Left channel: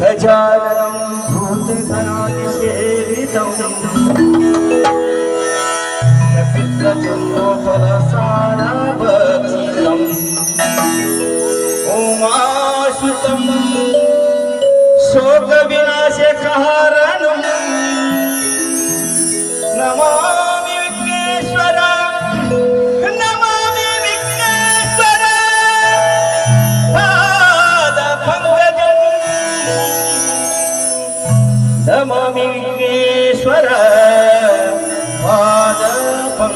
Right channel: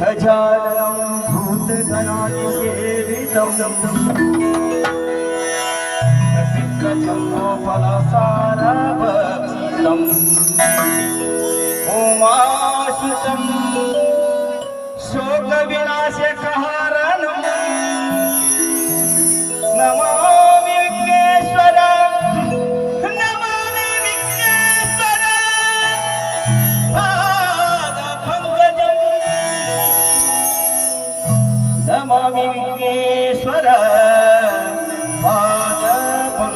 गजाननं भूतगणाधिसेवितं कपित्तजन्मफलसारभक्षितम् उमासुतं शोकविनाशकारणं नमामि विघ्नेश्वरं नमामि विघ्नेश्वरं पादपङ्कजं नमामि विघ्नेश्वर पादपङ्कजम्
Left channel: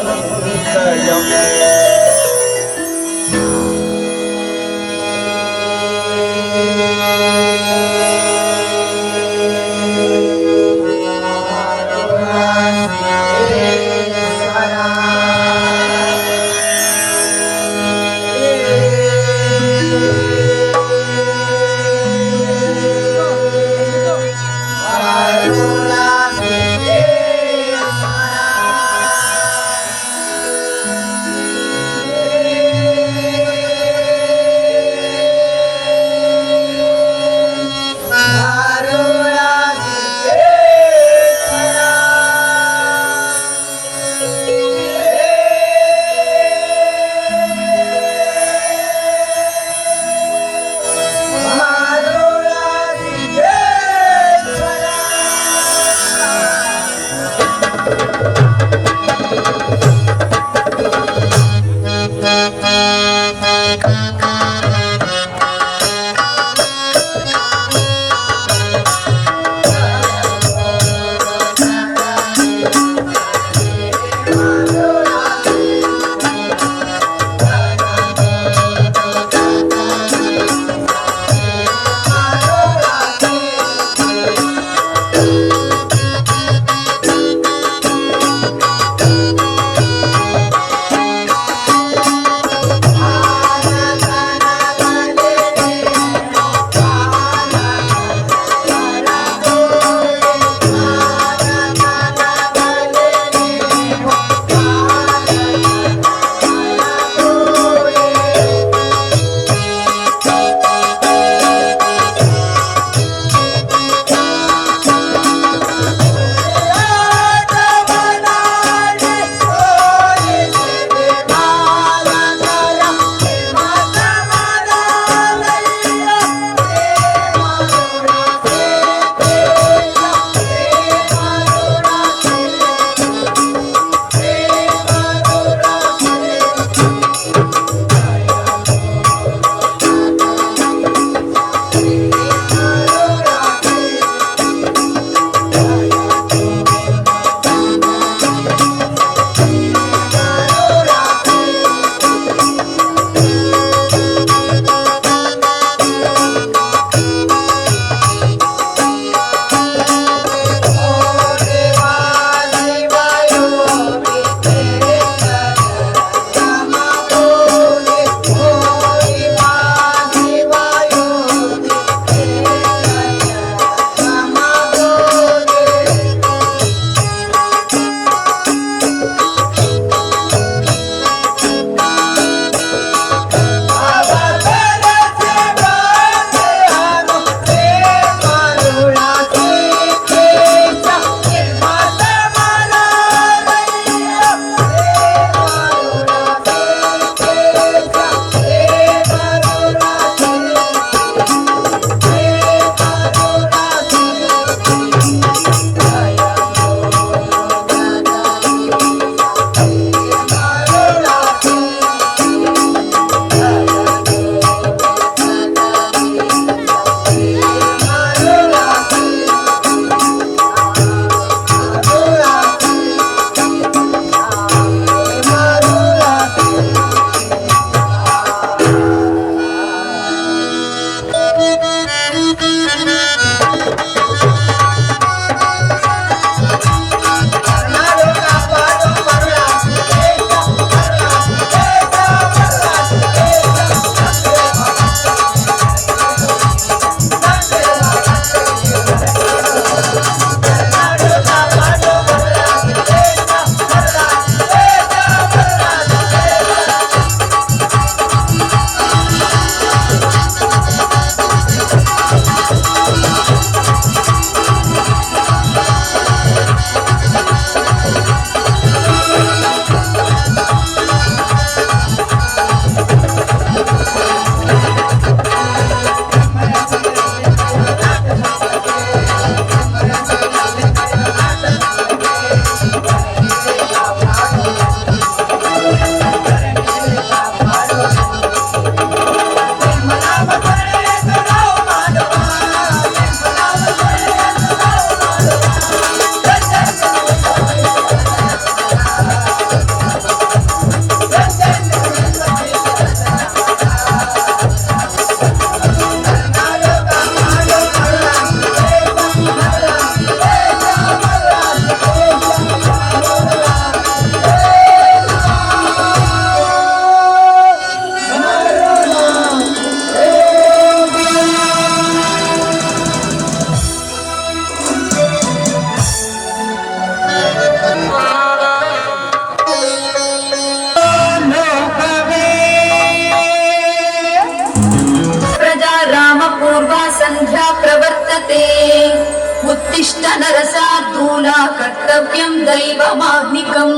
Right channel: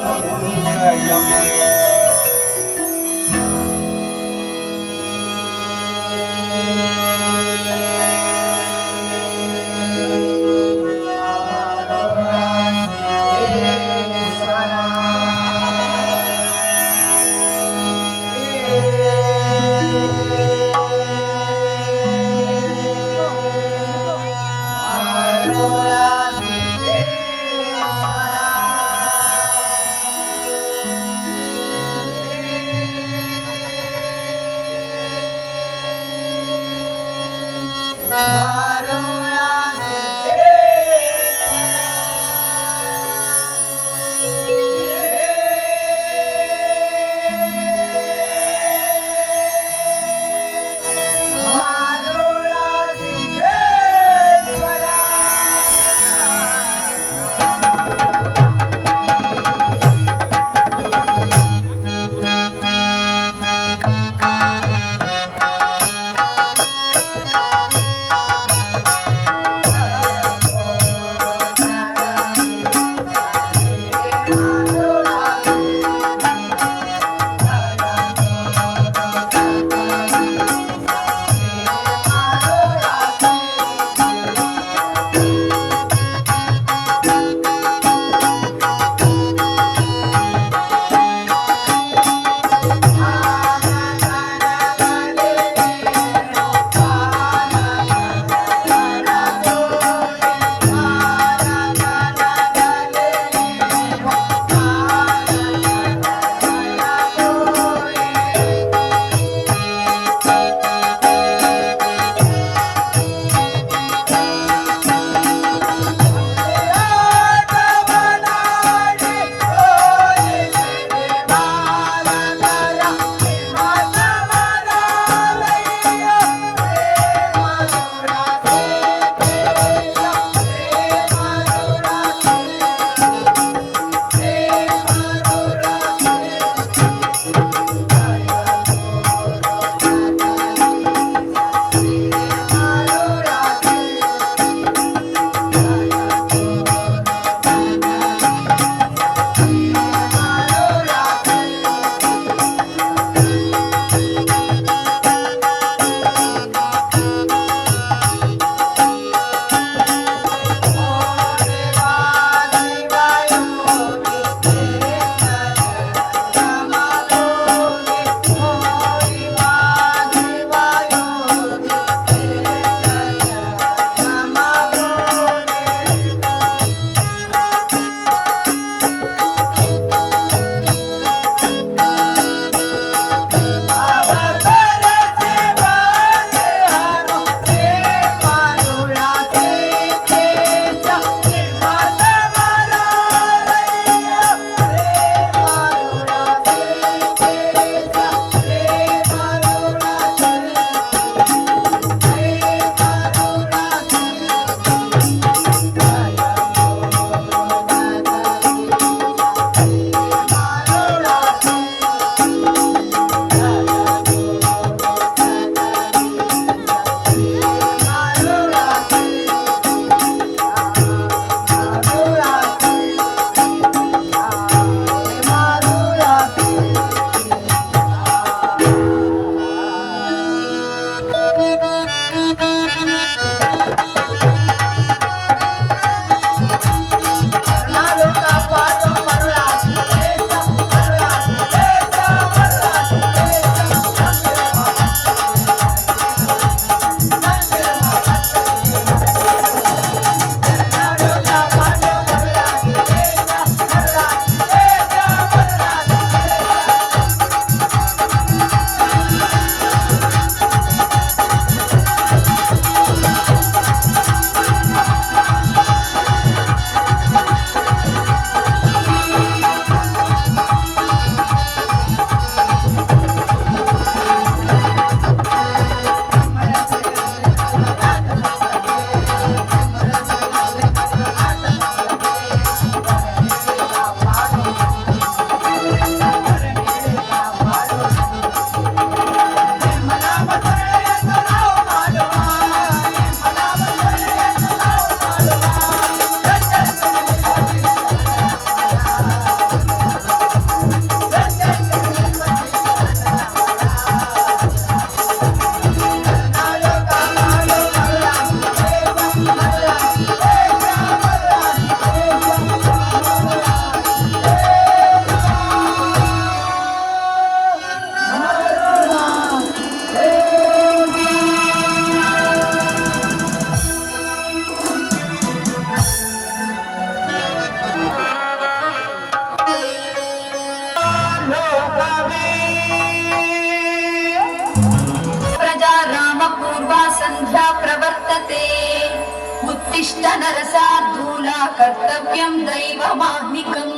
उत्तिष्ठ नरसार्दूला कर्तव्यं दैवमाह्निकम्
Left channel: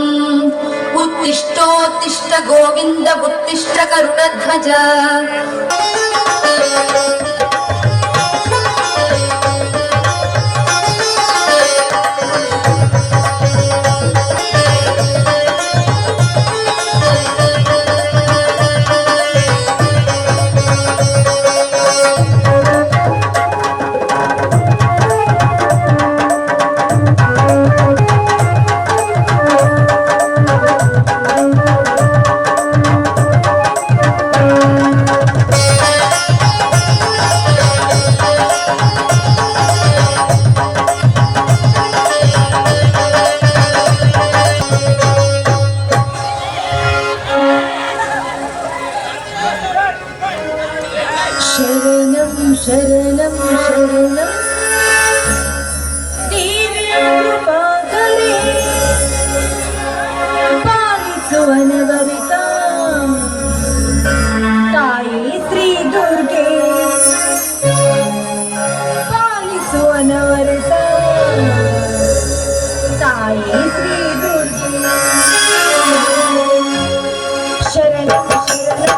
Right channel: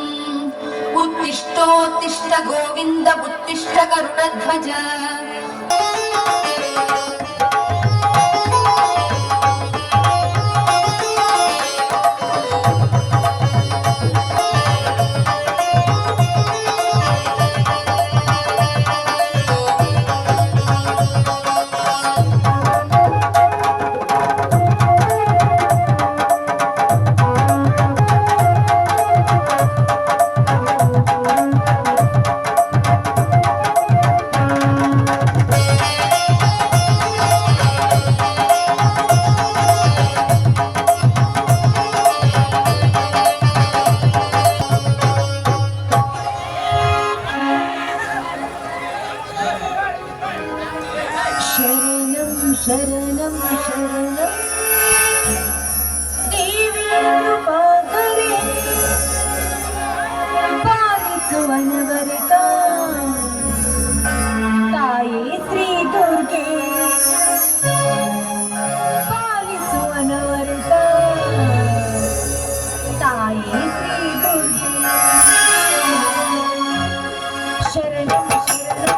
उत्तिष्ठोत्तिष्ठ गोविन्द उत्तिष्ठ गरुडध्वज शरणं शरणं शरणं देवीपाकरे पालिसुवनवरिता ताये श्री दुर्गे पालिसुवनवरिता ताये श्री दुर्गे शरणं शरणं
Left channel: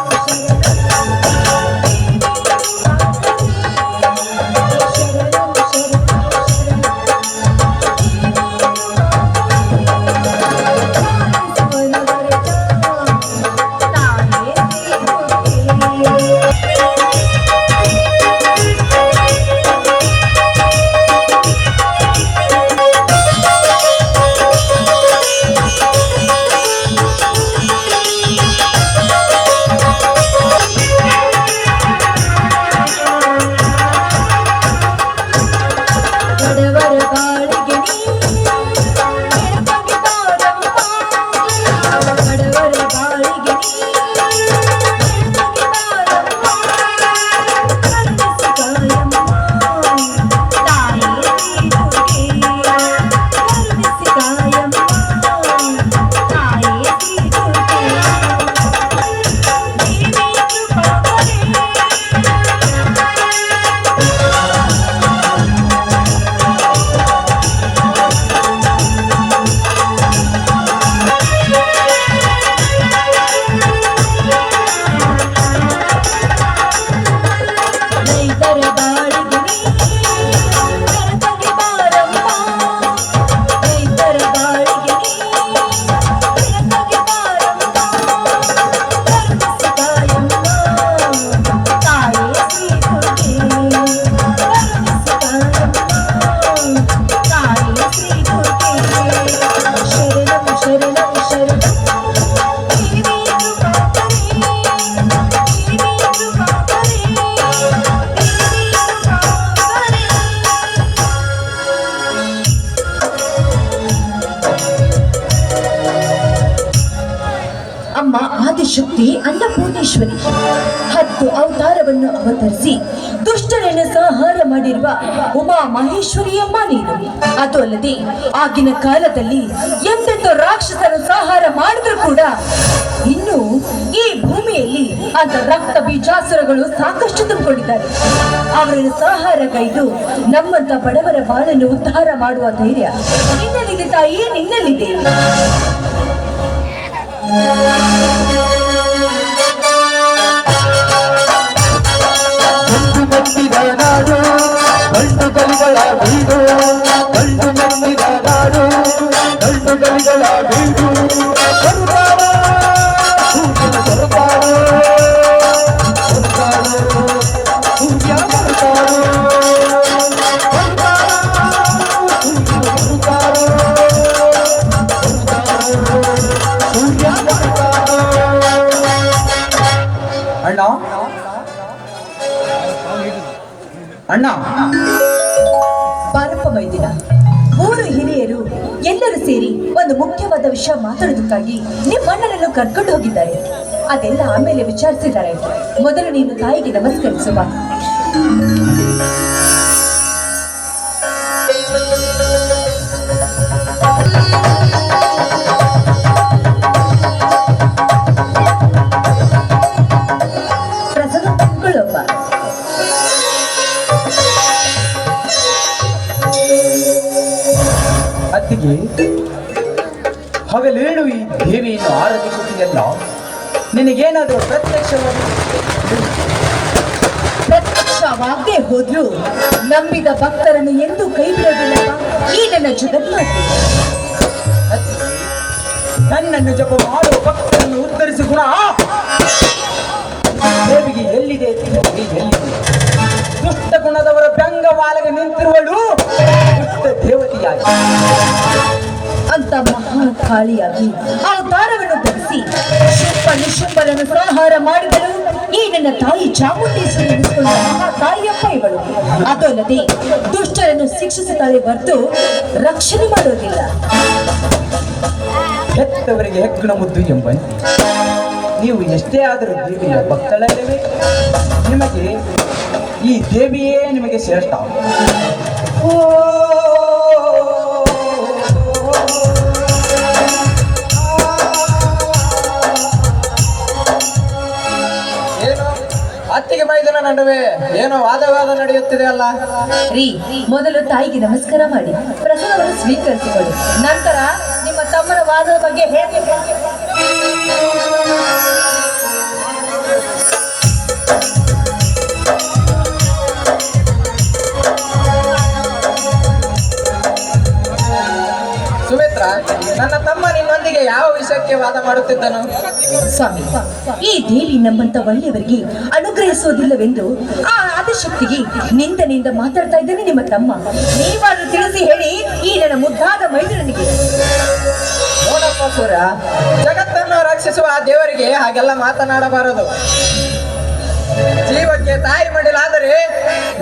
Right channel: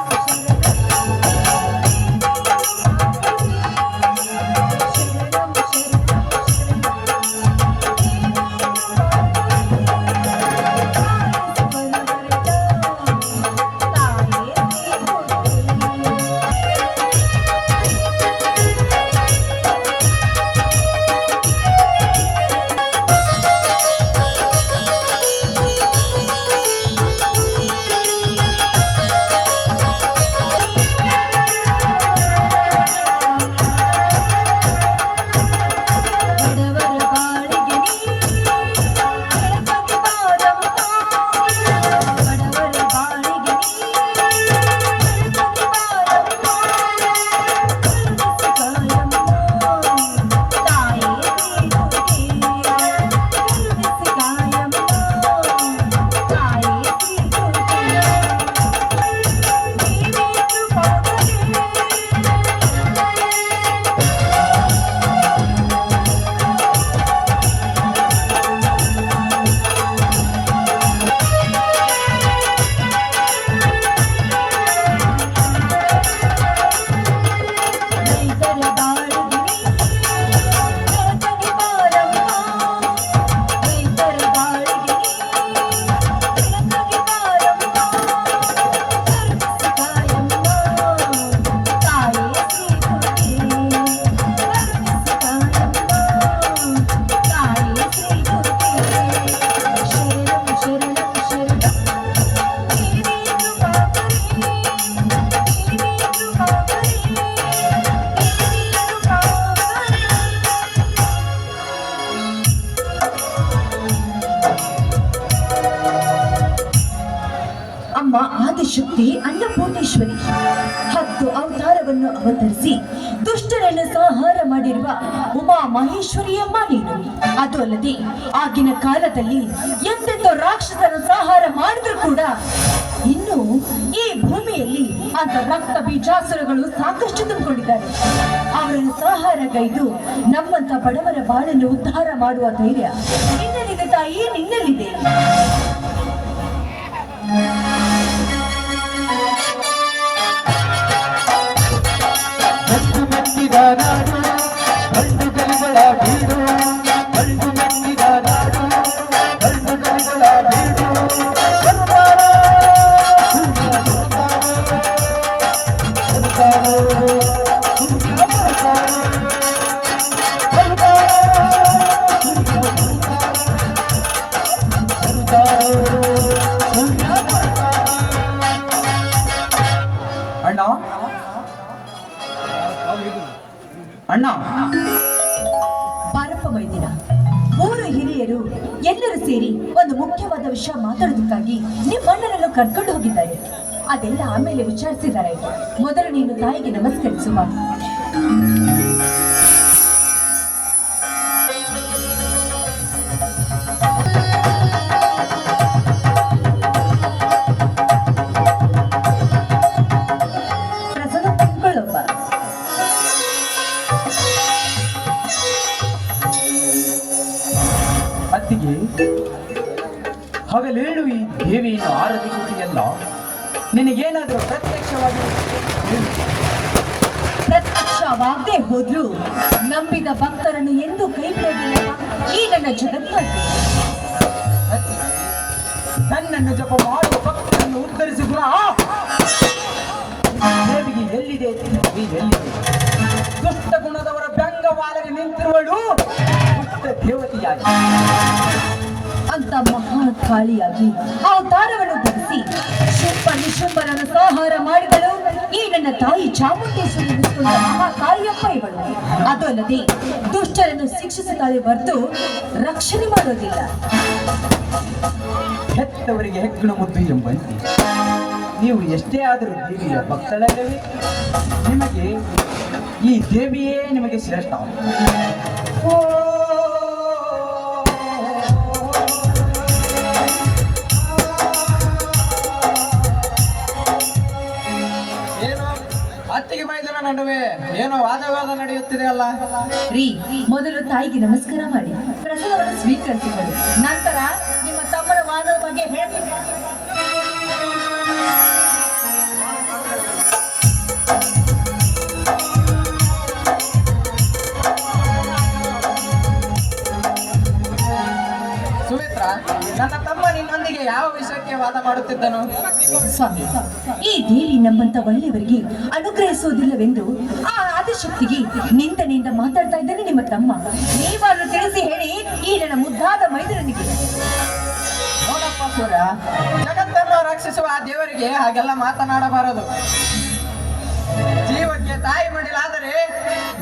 ಅಮ್ಮ ಆದಿಶಕ್ತಿ ಅನ್ನಪೂರ್ಣೇಶ್ವರಿ 10 ಅವತಾರವನ್ನು ಅವತರಿಸಿ ದುಷ್ಟರನ್ನು ಸಂಹಾರ ಮಾಡಿರುವ ಉಮಾ ಮಹೇಶ್ವರಿಯಮ್ಮ ನೀನು. ಅದು ಅಲ್ಲದೆ ಆಗಿನ ಕಾಲದಲ್ಲಿ ಎಂತೆಂದು ರಾಕ್ಷಸರು ಸಂಹಾರ ಮಾಡಿದ್ರು ಕೂಡ ಇನ್ನು ಈ ಭೂಮಿಯಲ್ಲಿ ಅಂತ ರಕ್ತ ಬೀಜಾಸುರಗಳು ಸಾಕಷ್ಟು ತುಂಬಿಕೊಂಡಿದ್ದಾರೆ. ಅವರನ್ನು ಸಂಹಾರಗೈದು ನಮ್ಮಂತ ಬಡವರ ಬಾಳನ್ನು ಉದ್ಧಾರ ಮಾಡುವ ಧೈರ್ಯ ನಿನ್ನಲ್ಲಿದೆ ತಾಯಿ, ನಿನ್ನಲ್ಲಿದೆ. ಅಣ್ಣ ಬಾರಪ್ಪ ಮೈದಿನ. 3 ಹಿರಿಯರು ಎಲ್ಲರೂ ಸೇರಿ ಒಂದು ಮುಖ್ಯವಾದ ವಿಷಯ ಮಾತಾಡೋದಕ್ಕಾಗಿ ನಿಮ್ಮಣ್ಣನನ್ನು ಕರ್ಕೊಂಡು ಹೋಗಿದ್ದಾರೆ. ಅದೆಲ್ಲ ಆಮೇಲೆ ವಿಚಾರಿಸಿದ್ದಾರೆ. ಮೊದಲು ನೀನು ತಾಯಿಗೆ ನಮಸ್ಕರಿಸುವ. ನಿನಗೇನಾದರೂ ಪ್ರತ್ಯಕ್ಷವಾಗಿ ಪ್ರತ್ಯಕ್ಷವಾಗದೆ ಹೋದ್ರು ನಂಬಿದ ಭಕ್ತರನ್ನು ಎಂದೂ ಕೈ ಬಿಡೋದಿಲ್ಲಪ್ಪ ಈ ನನ್ನ ಜಗನ್ಮಾತೆ. ನನ್ನನ್ನು ಜಪ ಮಾಡುವ ಭಕ್ತರನ್ನು ಉದ್ಧರಿಸಿ ಗುಣ ದೇವಿಗೆ ಎಲ್ಲಿದೆ ಎಲ್ಲಿದೆ? ದುಷ್ಟ ಗುಣದವರ ಬೆಂಗವಾಲಗೆ ನಿಂತಿರುವಳು ದುಷ್ಟ ದೇವತೆಯಾಗಿ ಅಂತ ಮಹಾಕಾಳಿಯಾಗಿ ಅವತಾರವನ್ನು ಧರಿಸಿ ಶುಂಭ ನಿಶುಂಭರನ್ನು ಸಂಹಾರ ಮಾಡಿದಳು ಈ ನನ್ನ ತಾಯಿ ಚಾಮುಂಡೇಶ್ವರಿ ಎನಿಸಿಕೊಂಡ ಮಹಾತಾಯಿಯಪ್ಪ ಇವಳು. ಅದಲ್ಲದೆ ದುಷ್ಟರನ್ನು ಶಿಕ್ಷಿಸುತ್ತಾಳೆ ಹೊರತು ರಕ್ಷಣೆ ಮಾಡೋದಿಲ್ಲ. ಹೆತ್ತವರಿಗೆ ಹೆಗ್ಗಣ ಮುದ್ದು ಎಂಬಂತೆ ನೀವು ಎಷ್ಟೇ ಆದರೂ ದೇವಿಯ ಭಕ್ತಳಲ್ಲವೇ ನಿಮಗೆ ಈ ದೇವಿಯೇ ನಿಮಗೆ ಶ್ರೇಷ್ಠ. ಓ ಏನು ಅತ್ತಿಗೆ ಮೈದನ ನಡುವೆ ಏನೋ ವಾದವಾದ ನಡೆಯುತ್ತಿದೆ ಅಲ್ಲ? ರೀ, ಮೊದಲು ತಾಯಿಗೆ ನಮಸ್ಕಾರ ಮಾಡಿ ಪ್ರಸಾದವನ್ನು ಸ್ವೀಕರಿಸಿಕೊಳ್ಳಿ. ನಂತರ ನಿಮ್ಮ ತಮ್ಮನ ವಾದದ ಬಗ್ಗೆ ಹೇಳ್ತೀನಿ. ಸುಮಿತ್ರ, ನನ್ನ ತಮ್ಮ ನಿನ್ನೊಂದಿಗೆ ಯಾವ ವಿಷಯಕ್ಕೆ ವಾದ ಮಾಡುತ್ತಿದ್ದನು? ಸ್ವಾಮಿ, ಈ ದೇವಿ ನಮ್ಮಂತ ಒಳ್ಳೆಯವರಿಗೆ ಅನುಗ್ರಹಿಸೋದಿಲ್ಲವೆಂದು ಆ ಆದಿಶಕ್ತಿಗೆ ನಿಂದನೆಯಿಂದ ಮಾತಾಡ್ತಾ ಇದ್ದೇನೆ ನಿಮ್ಮ ತಮ್ಮ. ನೀವಾದ್ರೂ ತಿಳಿಸಿ ಹೇಳಿ ಈ ನನ್ನ ಮುದ್ದಾದ ಮೈದರನಿಗೆ. ನೋಡಪ್ಪ ಸೂರ್ಯ, ಜಗತ್ತನ್ನು ರಕ್ಷಿಸುವ ಆ ದೇವರಿಗೆ ಹಾಗೆಲ್ಲ ಮಾತನಾಡಬಾರದು. ಜೀವಕ್ಕೆ ತಾಯಿ ಮಡಿಲಾದರೆ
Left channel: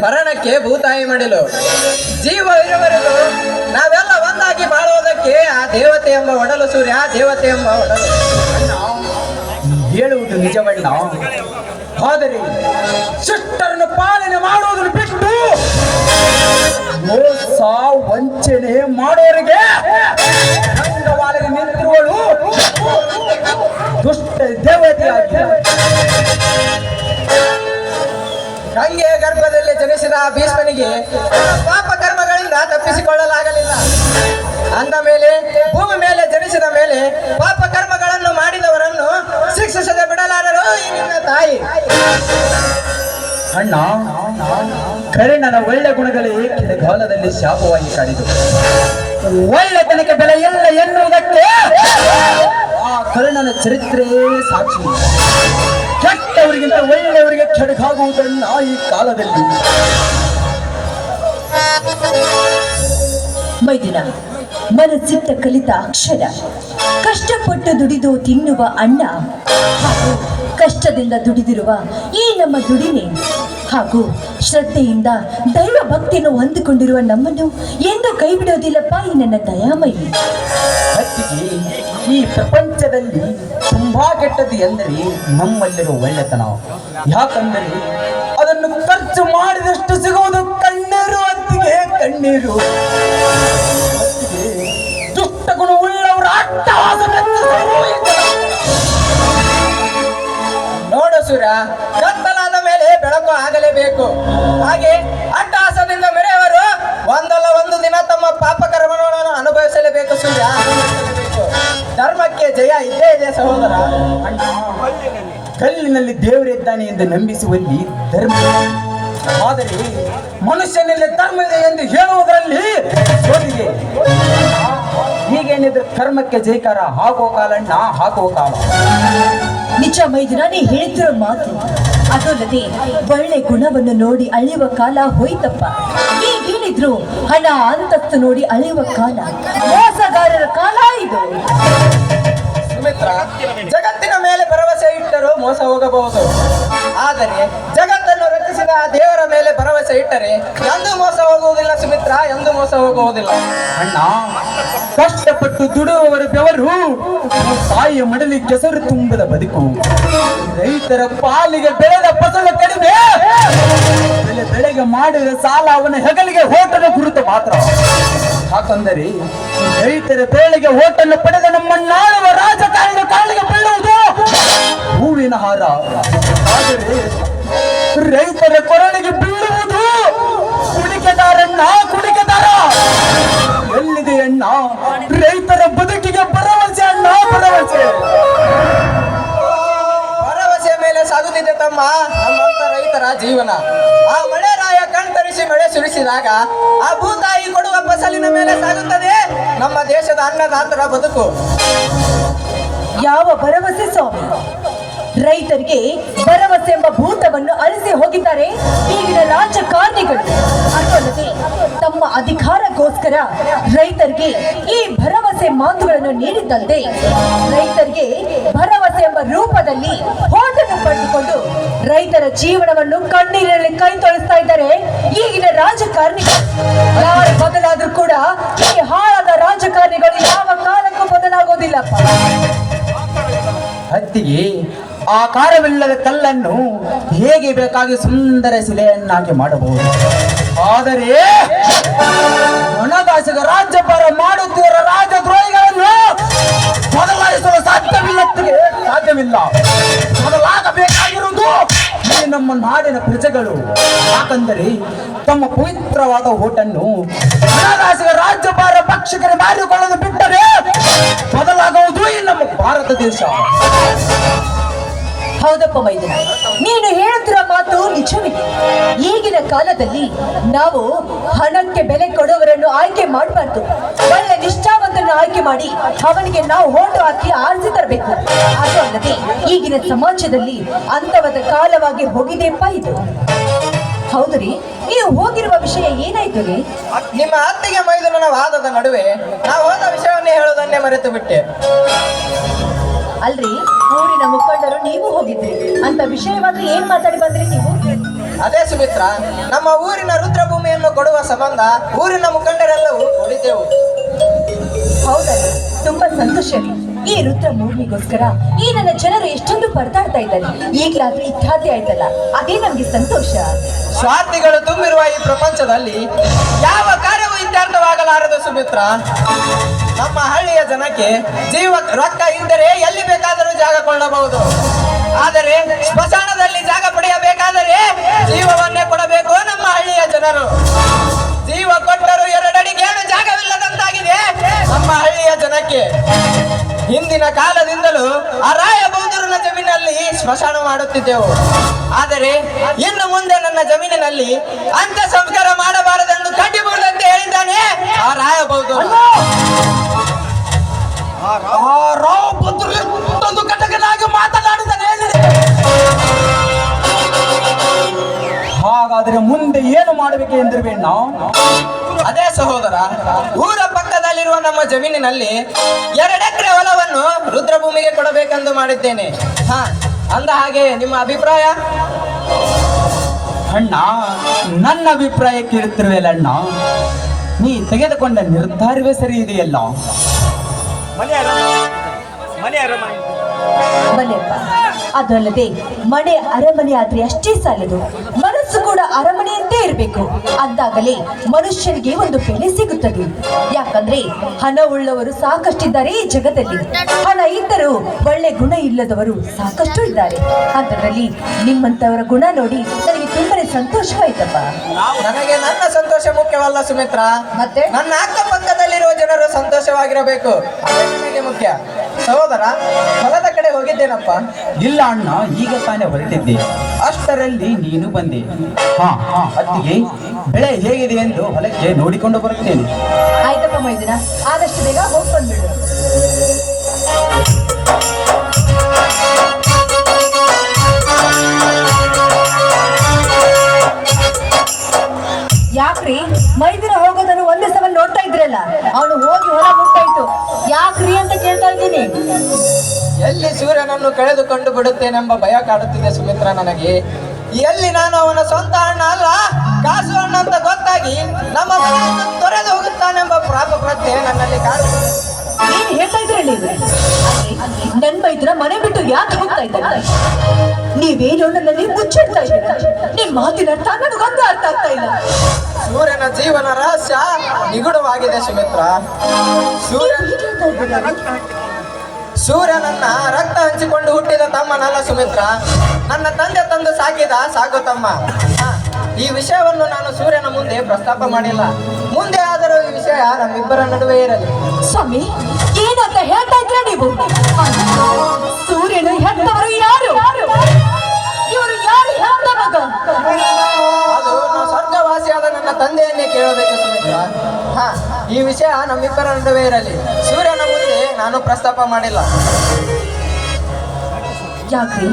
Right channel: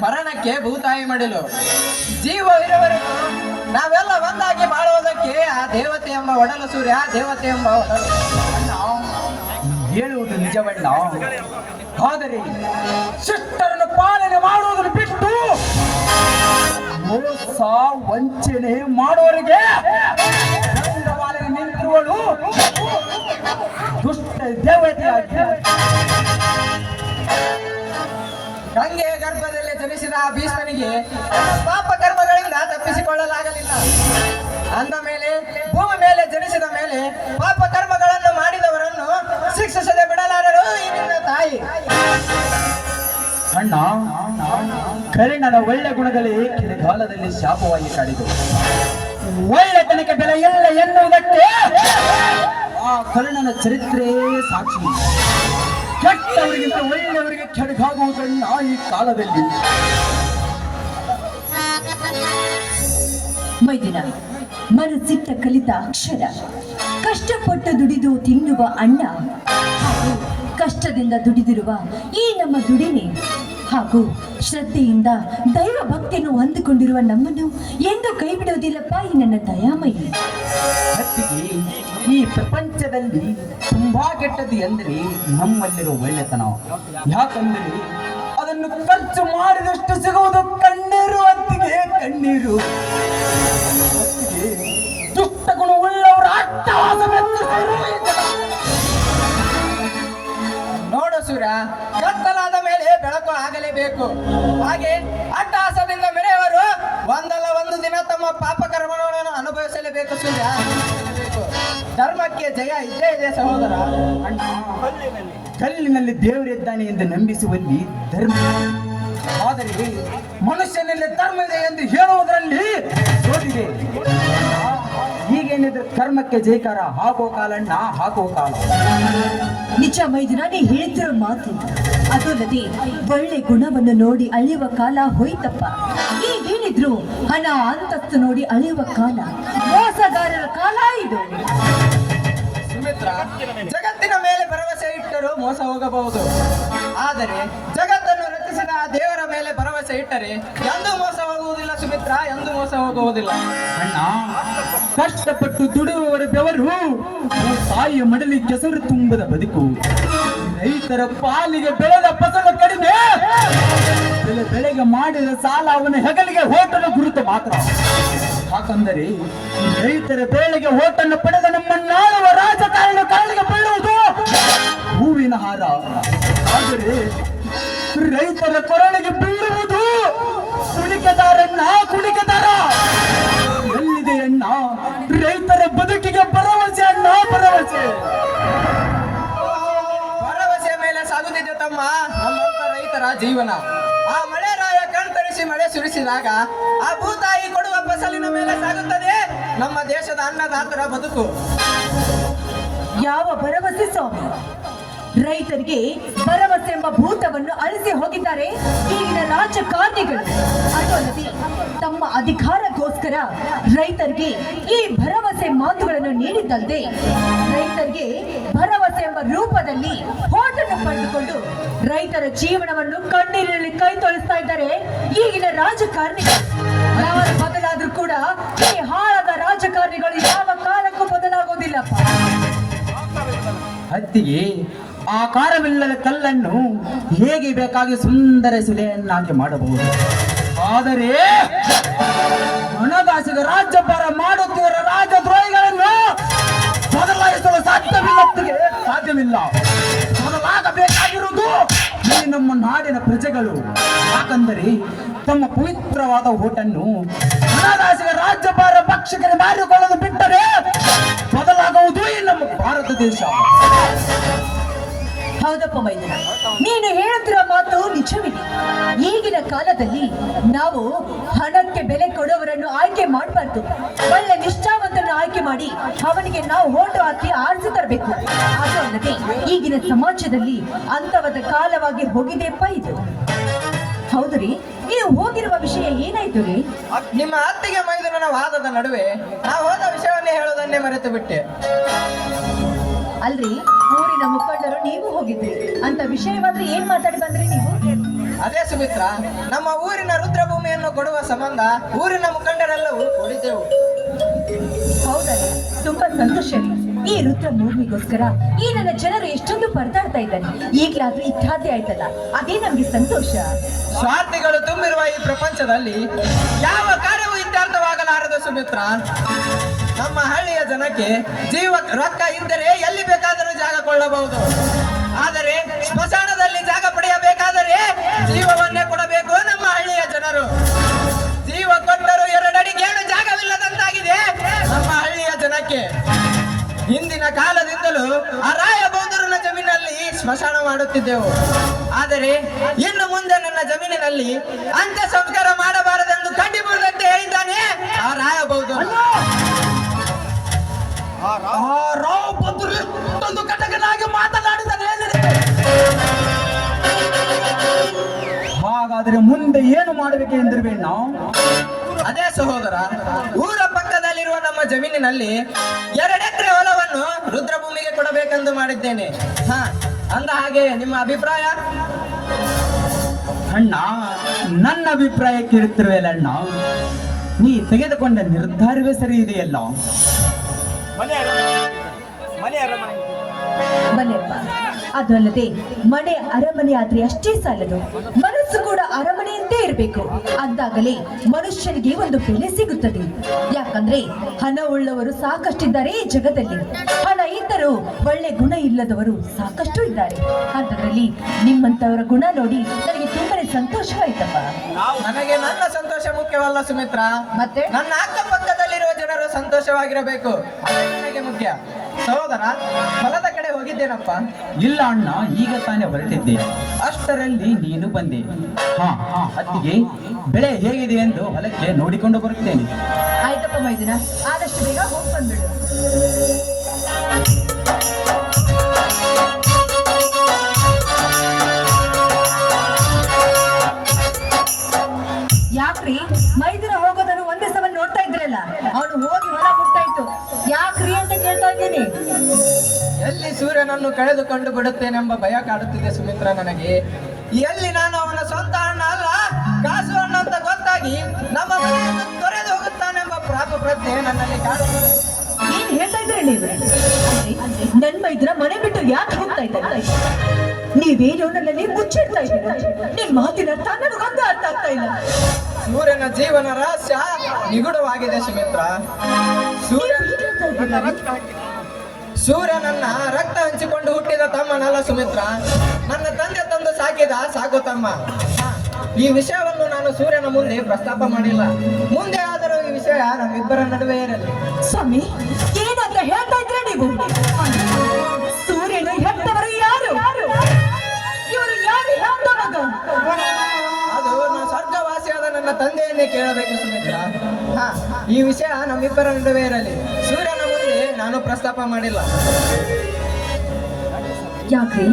ಮರಣಕ್ಕೆ ಭೂತಾಯಿ ಮಡಿಲು. ಜೀವ ಇರುವವರೆಗೂ ನಾವೆಲ್ಲ ಒಂದಾಗಿ ಬಾಳುವುದಕ್ಕೆ ಆ ದೇವತೆ ಎಂಬ ಒಡಲು ಸೂರ್ಯ, ದೇವತೆ ಎಂಬ ಒಡಲು. ಹೇಳುವುದು ನಿಜವಲ್ಲ, ಆದರೆ ಶಿಷ್ಟರನ್ನು ಪಾಲನೆ ಮಾಡುವುದನ್ನು ಬಿಟ್ಟು ಮೋಸ ವಂಚನೆ ಮಾಡೋರಿಗೆ ರಂಗವಾಲಗೆ ನಿಂತಿರುವಳು ದುಷ್ಟ ದೇವತೆಯಾಗಿ ಗಂಗೆಯ ಗರ್ಭದಲ್ಲಿ ಜನಿಸಿದ ಆ ಭೀಷ್ಮನಿಗೆ ಪಾಪ ಕರ್ಮಗಳಿಂದ ತಪ್ಪಿಸಿಕೊಳ್ಳಲಾಗಲಿಲ್ಲ. ಅಂದ ಮೇಲೆ ಭೂಮಿ ಮೇಲೆ ಜನಿಸಿದ ಮೇಲೆ ಪಾಪ ಕರ್ಮಗಳನ್ನು ಮಾಡಿದವರನ್ನು ಶಿಕ್ಷಿಸದೆ ಬಿಡಲಾರರು ಈ ನಿನ್ನ ತಾಯಿ. ಅಣ್ಣ, ಕರ್ಣನ ಒಳ್ಳೆ ಗುಣಗಳೇ ಕೆಳಗಾಲದಲ್ಲಿ ಶಾಪವಾಗಿ ಕಾಡಿದು. ಒಳ್ಳೆತನಕ್ಕೆ ಬೆಲೆ ಇಲ್ಲ ಎನ್ನುವುದಕ್ಕೆ ಆ ಕರ್ಣನ ಚರಿತ್ರೆ ಸಾಕ್ಷಿ. ಕೆಟ್ಟವರಿಗಿಂತ ಒಳ್ಳೆಯವರಿಗೆ ಕೆಡಕಾಗುವುದನ್ನ ಈ ಕಾಲದಲ್ಲಿ. ಮೈದಿನ ಮನಸ್ಸಿಟ್ಟ ಕಲಿತ ಅಕ್ಷರ, ಕಷ್ಟಪಟ್ಟು ದುಡಿದು ತಿನ್ನುವ ಅಣ್ಣ ಹಾಗೂ ಕಷ್ಟದಿಂದ ದುಡಿದಿರುವ ಈ ನಮ್ಮ ದುಡಿಮೆ ಹಾಗೂ ಶ್ರದ್ಧೆಯಿಂದ ದೈವ ಭಕ್ತಿಯನ್ನು ಹೊಂದಿಕೊಂಡಿರುವ ನಮ್ಮನ್ನು ಎಂದು ಕೈ ಬಿಡೋದಿಲ್ಲಪ್ಪ ಈ ನನ್ನ ದಯಾಮಯಿ. ಅತ್ತಿಗೆ, ಈ ಪ್ರಪಂಚದಲ್ಲಿ ತುಂಬಾ ಕೆಟ್ಟದ್ದು ಎಂದರೆ ನಮ್ಮಲ್ಲಿರುವ ಒಳ್ಳೆತನ. ಯಾಕಂದರೆ ಅದನ್ನು ಖರ್ಚು ಮಾಡಿದಷ್ಟು ಸಿಗುವುದು ಕಣ್ಣೀರು. ಅತ್ತಿಗೆ, ಕಣ್ಣೀರು. ಅತ್ತಿಗೆ, ದುಷ್ಟ ಗುಣ ಉಳ್ಳವರ ಅಟ್ಟಹಾಸ ನೋಡು ಸೂರ್ಯ, ಕತ್ತಲಾದ ಮೇಲೆ ಬೆಳಕು ಆಗಲೇಬೇಕು. ಹಾಗೆ ಅಟ್ಟಹಾಸದಿಂದ ಮೆರೆಯವರು ಒಂದಲ್ಲ ಒಂದು ದಿನ ತಮ್ಮ ಪಾಪ ಕರ್ಮಗಳನ್ನು ಅನುಭವಿಸಲೇಬೇಕು ಸೂರ್ಯ, ಅನುಭವಿಸಲೇಬೇಕು. ಧರ್ಮಕ್ಕೆ ಜಯ ಇದ್ದೇ ಇದೆ ಸಹೋದರ. ಅಣ್ಣ, ಕಲ್ಲಿನಲ್ಲಿ ದೇವರಿದ್ದಾನೆ ಎಂದು ನಂಬಿಸುವಲ್ಲಿ ಧರ್ಮ, ಆದರೆ ಮನುಷ್ಯನಲ್ಲಿ ಧರ್ಮ ಇದೆ ಎಂದು ಹೇಳುವುದರಲ್ಲಿ ಸೋಲಿದೆ. ಹೀಗೇನಿದ್ರೆ ಕರ್ಮಕ್ಕೆ ಜೈಕಾರ ಹಾಕುವ ಕಾಲಣ್ಣ, ಹಾಕುವ ಕಾಲ. ನಿಜ ಮೈದಿನ, ನೀ ಹೇಳ್ತಿರೋ ಮಾತು. ಅದಲ್ಲದೆ ಒಳ್ಳೆ ಗುಣವನ್ನು ನೋಡಿ ಅಳೆಯುವ ಕಾಲ ಹೋಯ್ತಪ್ಪ. ಈಗೇನಿದ್ರು ಹಣ ಅಂತಸ್ತು ನೋಡಿ ಅಳೆಯುವ ಕಾಲ, ಮೋಸಗಾರರ ಕಾಲ ಇದು. ಸುಮಿತ್ರ, ಜಗತ್ತಿನ ಮೇಲೆ ಭರವಸೆ ಇಟ್ಟರೂ ಮೋಸ ಹೋಗಬಹುದು. ಆದರೆ ಜಗತ್ತನ್ನು ರಚಿಸಿದ ಆ ದೇವರ ಮೇಲೆ ಭರವಸೆ ಇಟ್ಟರೆ ಎಂದೂ ಮೋಸ ಹೋಗುವುದಿಲ್ಲ ಸುಮಿತ್ರ, ಎಂದೂ ಮೋಸ ಹೋಗುವುದಿಲ್ಲ. ಅಣ್ಣ, ಕಷ್ಟಪಟ್ಟು ದುಡಿಯುವವರ ಬೆವರು ತಾಯಿಯ ಮಡಲಿ ಕೆಸರು ತುಂಬದ ಬದುಕು. ರೈತರ ಪಾಲಿಗೆ ಬೆಳೆದ ಫಸಲು ಕಡಿಮೆ, ಬೆಳೆಗೆ ಮಾಡಿದ ಸಾಲ ಅವನ ಹೆಗಲಿಗೆ ಹೋಟನ ಗುರುತು ಮಾತ್ರ. ಯಾಕಂದರೆ ರೈತರ ಬೇಳೆಗೆ ಹೋಟನ್ನು ಪಡೆದ ನಮ್ಮನ್ನಾಳುವ ರಾಜಕಾರಣ ಕಾಲಿಗೆ ಬೀಳುವುದು ಹೂವಿನ ಹಾರ. ಆದರೆ ರೈತರ ಕೊರಳಿಗೆ ಬೀಳುವುದು ಕುಣಿಕೆದಾರಣ್ಣ, ಕುಣಿಕೆದಾರ. ಎಲ್ಲಿದೆ ಅಣ್ಣ ರೈತರ ಬದುಕಿಗೆ ಭರವಸೆ? ಅಣ್ಣ, ಭರವಸೆ. ತಮ್ಮ ನಮ್ಮಂತ ರೈತರ ಜೀವನ. ಆ ಮಳೆ ರಾಯ ಕಣ್ತರಿಸಿ ಮಳೆ ಸುರಿಸಿದಾಗ ಆ ಭೂತಾಯಿ ಕೊಡುವ ಫಸಲಿನ ಮೇಲೆ ಸಾಗುತ್ತದೆ ನಮ್ಮ ದೇಶದ ಅನ್ನದಾತರ ಬದುಕು. ಯಾವ ಭರವಸೆ ಸ್ವಾಮಿ? ರೈತರಿಗೆ ಭರವಸೆ ಎಂಬ ಭೂತವನ್ನು ಅಳಿಸಿ ಹೋಗಿದ್ದಾರೆ ಈಗಿನ ರಾಜಕಾರಣಿಗಳು. ಅದಲ್ಲದೆ ತಮ್ಮ ಅಧಿಕಾರಕ್ಕೋಸ್ಕರ ರೈತರಿಗೆ ಈ ಭರವಸೆ ಮಾತುಗಳನ್ನು ನೀಡಿದ್ದಂತೆ ರೈತರಿಗೆ ಭರವಸೆ ಎಂಬ ರೂಪದಲ್ಲಿ ಹೋಟನ್ನು ಪಡೆದುಕೊಂಡು ರೈತರ ಜೀವನವನ್ನು ಕಣ್ಣೀರಿನಲ್ಲಿ ಕೈ ತೊಳಿಸ್ತಾ ಇದ್ದಾರೆ ಈಗಿನ ರಾಜಕಾರಣಿಗಳು. ಯಾರು ಬದಲಾದ್ರೂ ಕೂಡ ಈ ಹಾಳಾದ ರಾಜಕಾರಣಿಗಳು ಯಾವ ಕಾಲಕ್ಕೂ ಬದಲಾಗೋದಿಲ್ಲಪ್ಪ. ಹತ್ತಿಗೆ ಆಕಾರವಿಲ್ಲದ ಕಲ್ಲನ್ನು ಹೇಗೆ ಬೇಕಾಗಿ ಸುಂದರ ಶಿಲೆಯನ್ನಾಗಿ ಮಾಡಬಹುದು, ಆದರೆ ಹಣದಾಸೆಗ ರಾಜ್ಯಭಾರ ಮಾಡುತ್ತಿರುವ ರಾಜದ್ರೋಹಿಗಳನ್ನು ಬದಲಾಯಿಸಲು ಸಾಧ್ಯವಿಲ್ಲ. ಬದಲಾಗಬೇಕಾಗಿರುವುದು ಈ ನಮ್ಮ ನಾಡಿನ ಪ್ರಜೆಗಳು. ಯಾಕಂದರೆ ತಮ್ಮ ಪವಿತ್ರವಾದ ಓಟನ್ನು ಹಣದಾಸೆಗ ರಾಜ್ಯಭಾರ ಪಕ್ಷಕರೇ ಮಾಡಿಕೊಳ್ಳಲು ಬಿಟ್ಟರೆ ಬದಲಾಗುವುದು ಈ ನಮ್ಮ ಭಾರತ ದೇಶ. ಹೌದಪ್ಪ ಮೈದನ, ನೀನು ಹೇಳುತ್ತಿರೋ ಮಾತು ನಿಜವಿದೆ. ಈಗಿನ ಕಾಲದಲ್ಲಿ ನಾವು ಹಣಕ್ಕೆ ಬೆಲೆ ಕೊಡುವವರನ್ನು ಆಯ್ಕೆ ಮಾಡಬಾರ್ದು. ಒಳ್ಳೆ ನಿಷ್ಠಾವಂತರನ್ನು ಆಯ್ಕೆ ಮಾಡಿ ಅವನಿಗೆ ನಾವು ಓಟು ಹಾಕಿ ಆರಿಸಿ ತರಬೇಕು. ಅದು ಅಲ್ಲದೆ ಈಗಿನ ಸಮಾಜದಲ್ಲಿ ಅಂತವದ ಕಾಲವಾಗಿ ಹೋಗಿದೆಯಪ್ಪ ಇದು. ಹೌದು ರೀ, ನೀವು ಹೋಗಿರುವ ವಿಷಯ ಏನಾಯ್ತು ರೀ? ನಿಮ್ಮ ಅತ್ತಿಗೆ ಮೈದುನನ ವಾದದ ನಡುವೆ ನಾವು ಹೋದ ವಿಷಯವನ್ನೇ ಹೇಳುವುದನ್ನೇ ಮರೆತು ಬಿಟ್ಟೆ. ಅಲ್ರಿ, ಊರಿನ ಮುಖಂಡರು ನೀವು ಹೋಗಿದ್ರಿ ಅಂತ ವಿಷಯವಾದ್ರೆ ಏನ್ ಮಾತಾಡಿ ಬಂದ್ರಿ ನೀವು? ಅದೇ ಸುಮಿತ್ರ, ನಮ್ಮ ಊರಿನ ರುದ್ರಭೂಮಿಯನ್ನು ಕೊಡುವ ಸಂಬಂಧ ಊರಿನ ಮುಖಂಡರೆಲ್ಲವೂ ಕೂಡಿದ್ದೆವು. ಹೌದಲ್ಲ, ತುಂಬಾ ಸಂತೋಷ ರೀ. ಈ ರುದ್ರ ಭೂಮಿಗೋಸ್ಕರ ಈ ನನ್ನ ಜನರು ಎಷ್ಟೊಂದು ಪರದಾಡ್ತಾ ಇದ್ದಾರೆ. ಈಗ್ಲಾದ್ರೂ ಇತ್ಯಾದಿ ಆಯ್ತಲ್ಲ, ಅದೇ ನಮ್ಗೆ ಸಂತೋಷ. ಸ್ವಾರ್ಥಿಗಳು ತುಂಬಿರುವ ಈ ಪ್ರಪಂಚದಲ್ಲಿ ಯಾವ ಕಾರ್ಯವೂ ಇತ್ಯರ್ಥವಾಗಲಾರದು ಸುಮಿತ್ರ. ನಮ್ಮ ಹಳ್ಳಿಯ ಜನಕ್ಕೆ ಜೀವ ರೊಕ್ಕ ಇದ್ದರೆ ಎಲ್ಲಿ ಬೇಕಾದರೂ ಜಾಗ ಕೊಳ್ಳಬಹುದು. ಆದರೆ ಸ್ಮಶಾನದಲ್ಲಿ ಜಾಗ ಪಡೆಯಬೇಕಾದರೆ ಜೀವವನ್ನೇ ಕೊಡಬೇಕು ನಮ್ಮ ಹಳ್ಳಿಯ ಜನರು. ಜೀವ ಕೊಟ್ಟರು ಎರಡಡಿಗೇನು ಜಾಗವಿಲ್ಲದಂತಾಗಿದೆ ನಮ್ಮ ಹಳ್ಳಿಯ ಜನಕ್ಕೆ. ಹಿಂದಿನ ಕಾಲದಿಂದಲೂ ಆ ರಾಯಬೌದ್ಧರನ ಜಮೀನಲ್ಲಿ ಸ್ಮಶಾನ ಮಾಡುತ್ತಿದ್ದೆವು. ಆದರೆ ಇನ್ನು ಮುಂದೆ ನನ್ನ ಜಮೀನಿನಲ್ಲಿ ಅಂತ್ಯ ಸಂಸ್ಕಾರ ಮಾಡಬಾರದೆಂದು ಕಡ್ಡಿ ಮುರಿದಂತೆ ಹೇಳಿದ್ದಾನೆ ಆ ರಾಯಬೌದ್ಧರು. ರಾವಬೌದ್ಧರು ಕಟಕನಾಗಿ ಮಾತನಾಡಿದ್ದಾನೆ. ಹಾಗಾದ್ರೆ ಮುಂದೆ ಏನು ಮಾಡಬೇಕು ಎಂದಿರ್ಬೇಡ? ಅದೇ ಸಹೋದರ, ಊರ ಪಕ್ಕದಲ್ಲಿರುವ ನಮ್ಮ ಜಮೀನಿನಲ್ಲಿ 2 ಎಕರೆ ಹೊಲವನ್ನು ರುದ್ರಭೂಮಿಗೆ ಕೊಡಬೇಕೆಂದು ಮಾಡಿದ್ದೇನೆ. ಅಂದ ಹಾಗೆ ನಿಮ್ಮ ಅಭಿಪ್ರಾಯ? ಅಣ್ಣ, ನನ್ನ ಅಭಿಪ್ರಾಯ ಕೇಳುತ್ತಿರುವೆಲ್ಲ ಅಣ್ಣ. ನೀ ತೆಗೆದುಕೊಂಡ ನಿರ್ಧಾರವೇ ಸರಿ ಇದೆಯಲ್ಲ. ಬನ್ನಿಯಪ್ಪ, ಅದಲ್ಲದೆ ಮನೆ ಅರಮನೆ ಆದ್ರೆ ಅಷ್ಟೇ ಸಾಲದು, ಮನಸ್ಸು ಕೂಡ ಅರಮನೆಯಂತೆ ಇರಬೇಕು. ಅಂದಾಗಲೇ ಮನುಷ್ಯನಿಗೆ ಒಂದು ಬೆಲೆ ಸಿಗುತ್ತದೆ. ಯಾಕಂದ್ರೆ ಹಣ ಉಳ್ಳವರು ಸಾಕಷ್ಟಿದ್ದಾರೆ ಈ ಜಗತ್ತಲ್ಲಿ. ಹಣ ಇದ್ದರೂ ಒಳ್ಳೆ ಗುಣ ಇಲ್ಲದವರು ಸಾಕಷ್ಟು ಇದ್ದಾರೆ. ಅದರಲ್ಲಿ ನಿಮ್ಮಂತವರ ಗುಣ ನೋಡಿ ನನಗೆ ತುಂಬಾನೇ ಸಂತೋಷವಾಯ್ತಪ್ಪ. ನನಗೆ ನನ್ನ ಸಂತೋಷ ಮುಖ್ಯವಲ್ಲ ಸುಮಿತ್ರ, ಮತ್ತೆ ನನ್ನ ಅಕ್ಕಪಕ್ಕದಲ್ಲಿರುವ ಜನರು ಸಂತೋಷವಾಗಿರಬೇಕು, ಅದೇ ನನಗೆ ಮುಖ್ಯ. ಸಹೋದರ, ಹೊಲದ ಕಡೆ ಹೋಗಿದ್ದೇನಪ್ಪ? ಇಲ್ಲ ಅಣ್ಣ, ಈಗ ತಾನೇ ಹೊರಟಿದ್ದೆ, ಅಷ್ಟರಲ್ಲಿ ನೀನು ಬಂದೆ. ಅತ್ತಿಗೆ ಬೆಳೆ ಹೇಗಿದೆ ಎಂದು ಹೊಲಕ್ಕೆ ನೋಡಿಕೊಂಡು ಬರುತ್ತೇನೆ. ಆಯ್ತಪ್ಪ ಮೈದಿನ, ಆದಷ್ಟು ಬೇಗ ಹೋಗಿ ಬಂದ್ಬಿಡು. ಯಾಕ್ರಿ ಮೈದಿನ ಹೋಗೋದನ್ನು ಒಂದೇ ಸಲ ನೋಡ್ತಾ ಇದ್ರಲ್ಲ, ಅವನು ಹೋಗಿ ಹೊಲ ಮುಟ್ಟಾಯ್ತು, ಯಾಕ್ರಿ ಅಂತ ಕೇಳ್ತಾ ಇದ್ದೀನಿ. ಎಲ್ಲಿ ಸೂರ್ಯನನ್ನು ಕಳೆದುಕೊಂಡು ಬಿಡುತ್ತೇನೆಂಬ ಭಯ ಕಾಡುತ್ತಿದೆ ಸುಮಿತ್ರ ನನಗೆ. ಎಲ್ಲಿ ನಾನು ಅವನ ಸ್ವಂತ ಅಣ್ಣ ಅಲ್ಲ, ಕಾಸು ಅಣ್ಣ ಅಂತ ಗೊತ್ತಾಗಿ ನಮ್ಮ ಮನೆಯನ್ನು ತೊರೆದು ಹೋಗುತ್ತಾನೆಂಬ ಪಾಪ ಪ್ರಜ್ಞೆ ನನ್ನಲ್ಲಿ ಕಾಡುತ್ತಿದೆ. ಏನ್ ಹೇಳ್ತಾ ಇದ್ರೆ ನೀವು? ನನ್ ಮೈದ್ರ ಮನೆ ಬಿಟ್ಟು ಯಾಕೆ ಹೋಗ್ತಾ ಇದ್ದಾರೆ? ನೀವೇನು ನನ್ನಲ್ಲಿ ಮುಚ್ಚಿಡ್ತಾ ಇದ್ದೀರಾ? ನಿಮ್ ಮಾತಿನ ಅರ್ಥ ನನಗೊಂದು ಅರ್ಥ ಆಗ್ತಾ ಇಲ್ಲ. ಸೂರ್ಯನ ಜೀವನ ರಹಸ್ಯ ನಿಗೂಢವಾಗಿದೆ ಸುಮಿತ್ರ. ಸೂರ್ಯನನ್ನ ರಕ್ತ ಹಂಚಿಕೊಂಡು ಹುಟ್ಟಿದ ತಮ್ಮನಲ್ಲ ಸುಮಿತ್ರ, ನನ್ನ ತಂದೆ ತಂದು ಸಾಕಿದ ಸಾಕು ತಮ್ಮ. ಈ ವಿಷಯವನ್ನು ನಾನು ಸೂರ್ಯನ ಮುಂದೆ ಪ್ರಸ್ತಾಪ ಮಾಡಿಲ್ಲ. ಮುಂದೆ ಆದರೂ ಈ ವಿಷಯ ನಮ್ಮಿಬ್ಬರ ನಡುವೆ ಇರಲಿ. ಸ್ವಾಮಿ, ಏನಂತ ಹೇಳ್ತಾ ಇದ್ರ ನೀವು? ಸೂರ್ಯನು ಹೆತ್ತವರು ಯಾರು? ಇವರು ತಂದೆಯನ್ನೇ ಕೇಳಬೇಕು ಸುಮಿತ್ರ. ಹಾ, ಈ ವಿಷಯ ನಮ್ಮಿಬ್ಬರ ನಡುವೆ ಇರಲಿ. ಸೂರ್ಯನ ಮುಂದೆ ನಾನು ಪ್ರಸ್ತಾಪ ಮಾಡಿಲ್ಲ. ಯಾಕ್ರಿ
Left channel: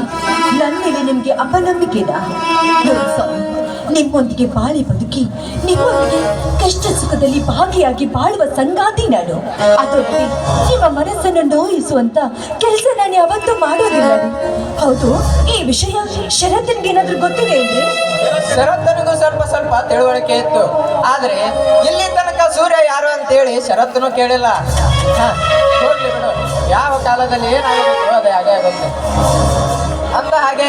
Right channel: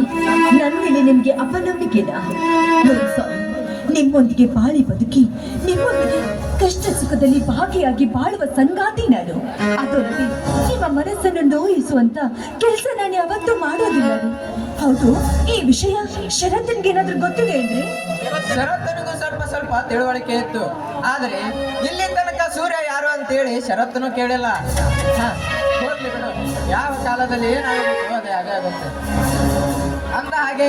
ನನ್ನ ಮೇಲೆ ನಿಮ್ಗೆ ಅಪನಂಬಿಕೆನಾ? ನೋಡಿ ಸ್ವಾಮಿ, ನಿಮ್ಮೊಂದಿಗೆ ಬಾಳಿ ಬದುಕಿ ನಿಮ್ಮೊಂದಿಗೆ ಕಷ್ಟ ಸುಖದಲ್ಲಿ ಭಾಗಿಯಾಗಿ ಬಾಳುವ ಸಂಗಾತಿ ನಾನು. ಅದೊಂದಿಗೆ ನಿಮ್ಮ ಮನಸ್ಸನ್ನು ನೋಯಿಸುವಂತ ಕೆಲಸ ನಾನು ಯಾವತ್ತೂ ಮಾಡೋದಿಲ್ಲ. ಹೌದು, ಈ ವಿಷಯ ಶರತ್ನಿಗೆ ಏನಾದ್ರೂ ಗೊತ್ತಿದೆ ಅಂದ್ರೆ? ಶರತ್ತನಿಗೂ ಸ್ವಲ್ಪ ಸ್ವಲ್ಪ ತಿಳುವಳಿಕೆ ಇತ್ತು, ಆದ್ರೆ ಇಲ್ಲಿ ತನಕ ಸೂರ್ಯ ಯಾರು ಅಂತೇಳಿ ಶರತ್ತನು ಕೇಳಿಲ್ಲ. ಹಾ, ಹೋಗ್ಲಿ ಬಿಡು, ಯಾವ ಕಾಲದಲ್ಲಿ ಏನಾಗಬೇಕು ಅದೇ ಹಾಗೆ ಆಗುತ್ತೆ. ಅಂದ ಹಾಗೆ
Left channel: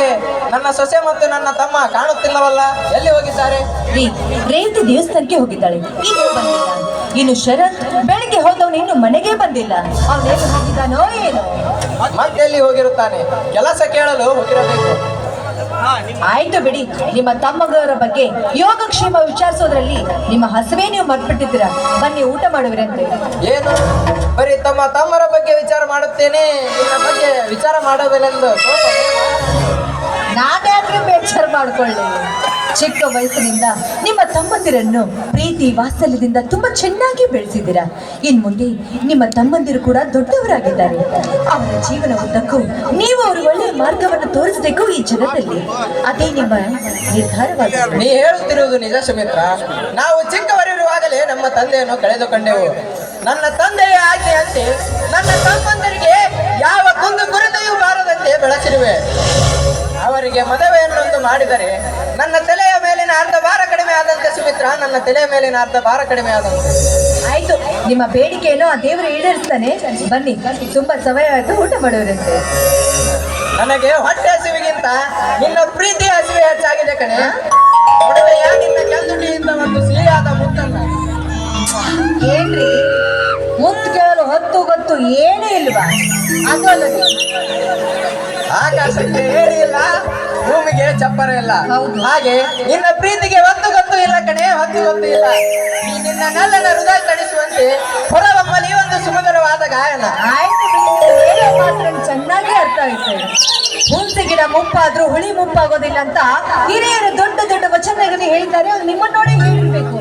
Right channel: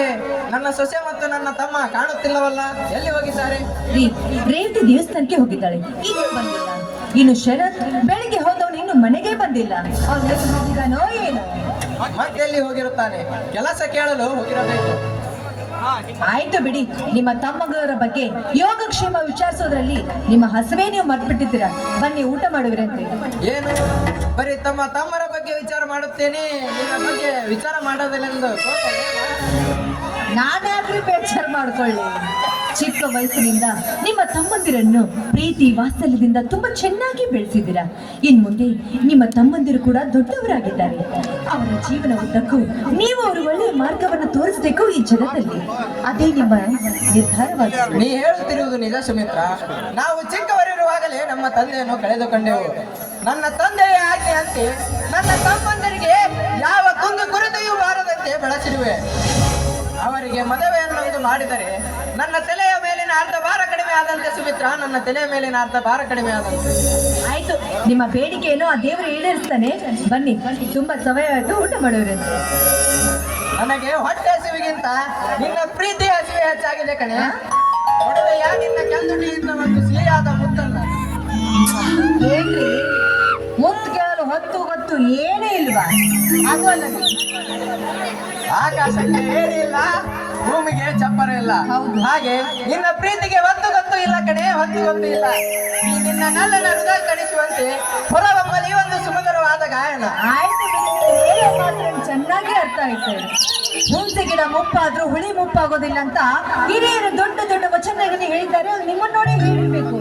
ನನ್ನ ಸೊಸೆ ಮತ್ತು ನನ್ನ ತಮ್ಮ ಕಾಣುತ್ತಿಲ್ಲವಲ್ಲ, ಎಲ್ಲಿ ಹೋಗಿದ್ದಾರೆ? ರೇವತಿ ದೇವಸ್ಥಾನಕ್ಕೆ ಹೋಗಿದ್ದಾಳೆ, ಇನ್ನೂ ಬಂದಿಲ್ಲ. ಇನ್ನು ಶರತ್ ಬೆಳಿಗ್ಗೆ ಹೋದವನು ಇನ್ನು ಮನೆಗೆ ಬಂದಿಲ್ಲ. ಅವನೇನು ಹೋಗಿದ್ದಾನೋ ಏನು? ಮತ್ತೆ ಎಲ್ಲಿ ಹೋಗಿರುತ್ತಾನೆ? ಕೆಲಸ ಕೇಳಲು ಹೋಗಿರಬೇಕು. ಆಯ್ತು ಬಿಡಿ, ನಿಮ್ಮ ತಮ್ಮಗರ ಬಗ್ಗೆ ಯೋಗಕ್ಷೇಮ ವಿಚಾರಿಸೋದ್ರಲ್ಲಿ ನಿಮ್ಮ ಹಸವೇ ನೀವು ಮರ್ತ್ಬಿಟ್ಟಿದ್ದೀರ. ಬನ್ನಿ ಊಟ ಮಾಡುವಿರಂತೆ. ಏನು ಬರೀ ತಮ್ಮರ ಬಗ್ಗೆ ವಿಚಾರ ಮಾಡುತ್ತೇನೆ, ನಿನ್ನ ಬಗ್ಗೆ ವಿಚಾರ ಮಾಡೋದಿല്ലെಂದು ನಾನ್ಯಾಕ್ರಿ ಬೇಚಾರ ಮಾಡ್ಕೊಳ್ಳಿ? ಚಿಕ್ಕ ವಯಸ್ಸಿನಿಂದ ನಿಮ್ಮ ತಮ್ಮಂದಿರನ್ನು ಪ್ರೀತಿ ವಾತ್ಸಲ್ಯದಿಂದ ತುಂಬಾ ಚೆನ್ನಾಗಿ ಬೆಳೆಸಿದ್ದೀರಾ. ಇನ್ ಮುಂದೆ ನಿಮ್ಮ ತಮ್ಮಂದಿರು ಕೂಡ ದೊಡ್ಡವರಾಗಿದ್ದಾರೆ. ಅವರ ಜೀವನ ಉದ್ದಕ್ಕೂ ನೀವು ಅವರು ಒಳ್ಳೆಯ ಮಾರ್ಗವನ್ನು ತೋರಿಸಬೇಕು ಈ ಜಗತ್ತಲ್ಲಿ. ಅದೇ ನಿಮ್ಮ ನಿರ್ಧಾರವಾಗಿದೆ. ನೀ ಹೇಳುತ್ತಿರುವುದು ನಿಜ ಸುಮಿತ್ರ. ನಾವು ಚಿಕ್ಕವರಿರುವಾಗಲೇ ನಮ್ಮ ತಂದೆಯನ್ನು ಕಳೆದುಕೊಂಡೆವು. ನನ್ನ ತಂದೆಯ ಆಜ್ಞೆಯಂತೆ ನನ್ನ ತಮ್ಮಂದರಿಗೆ ಯಾವ ಕುಂದು ಕೊರತೆಯೂ ಬಾರದಂತೆ ಬೆಳೆಸಿರುವೆ. ಅವರಿಗೆ ಮದುವೆಯನ್ನೊಂದು ಮಾಡಿದರೆ ನನ್ನ ತಲೆಯ ಮೇಲಿನ ಅರ್ಧ ಭಾರ ಕಡಿಮೆ ಆದಂತೆ ಸುಮಿತ್ರ, ನನ್ನ ತಲೆಯ ಮೇಲಿನ ಅರ್ಧ ಭಾರ ಕಡಿಮೆ ಆದಂತೆ. ಆಯ್ತು, ನಿಮ್ಮ ಬೇಡಿಕೆಯನ್ನು ಆ ದೇವರು ಈಡೇರಿಸ್ತಾನೆ. ಬನ್ನಿ, ತುಂಬಾ ಸಮಯ ಆಯ್ತು, ಊಟ ಮಾಡೋರಂತೆ. ನನಗೆ ಹೊಟ್ಟೆ ಹಸಿವಿಗಿಂತ ನಿನ್ನ ಪ್ರೀತಿ ಹಸಿವೆ ಹೆಚ್ಚಾಗಿದೆ ಕಣೆ. ಒಡವೆಯ ನಿನ್ನ ಕೆಂದುಟಿಯಿಂದ ಒಂದು ಸಿಹಿಯಾದ ಮುತ್ತನ್ನ. ಏನ್ರಿ ಮುತ್ತು ಕೇಳಲು ಹೊತ್ತು ಗೊತ್ತು ಏನೂ ಇಲ್ವಾ? ಅದು ಅಲ್ಲದೆ ಆಕಾಶಕ್ಕೆ ಏರಿ ಇಲ್ಲ, ಭೂಮಿಗೆ ಚಪ್ಪರ ಇಲ್ಲ. ಹೌದು. ಹಾಗೆ ನಿನ್ನ ಪ್ರೀತಿಗೆ ಹೊತ್ತು ಗೊತ್ತು ಇಲ್ಲ ಕಣೆ, ಹೊತ್ತು ಗೊತ್ತು ಇಲ್ಲ. ಈ ನಿನ್ನ ನಲ್ಲನ ಹೃದಯ ತಣಿಸುವಂತೆ ಹೊರಬಮ್ಮಲಿ ಒಂದು ಸುಮಧುರವಾದ ಗಾಯನ. ಆಯ್ತು ಬಿಡಿ, ಮಾತ್ರ ಚೆನ್ನಾಗಿ ಅರ್ಥ ಆಯ್ತು. ಹುಣಸೆ ಗಿಡ ಮುಪ್ಪಾದ್ರೂ ಹುಳಿ ಮುಪ್ಪಾಗೋದಿಲ್ಲ ಅಂತ ಹಿರಿಯರು ದೊಡ್ಡ ದೊಡ್ಡ ವಚನಗಳನ್ನು ಹೇಳಿದ್ದಾರೆ. ಅದು ನಿಮ್ಮನ್ನ ನೋಡಿ ಹೇಳಿರ್ಬೇಕು.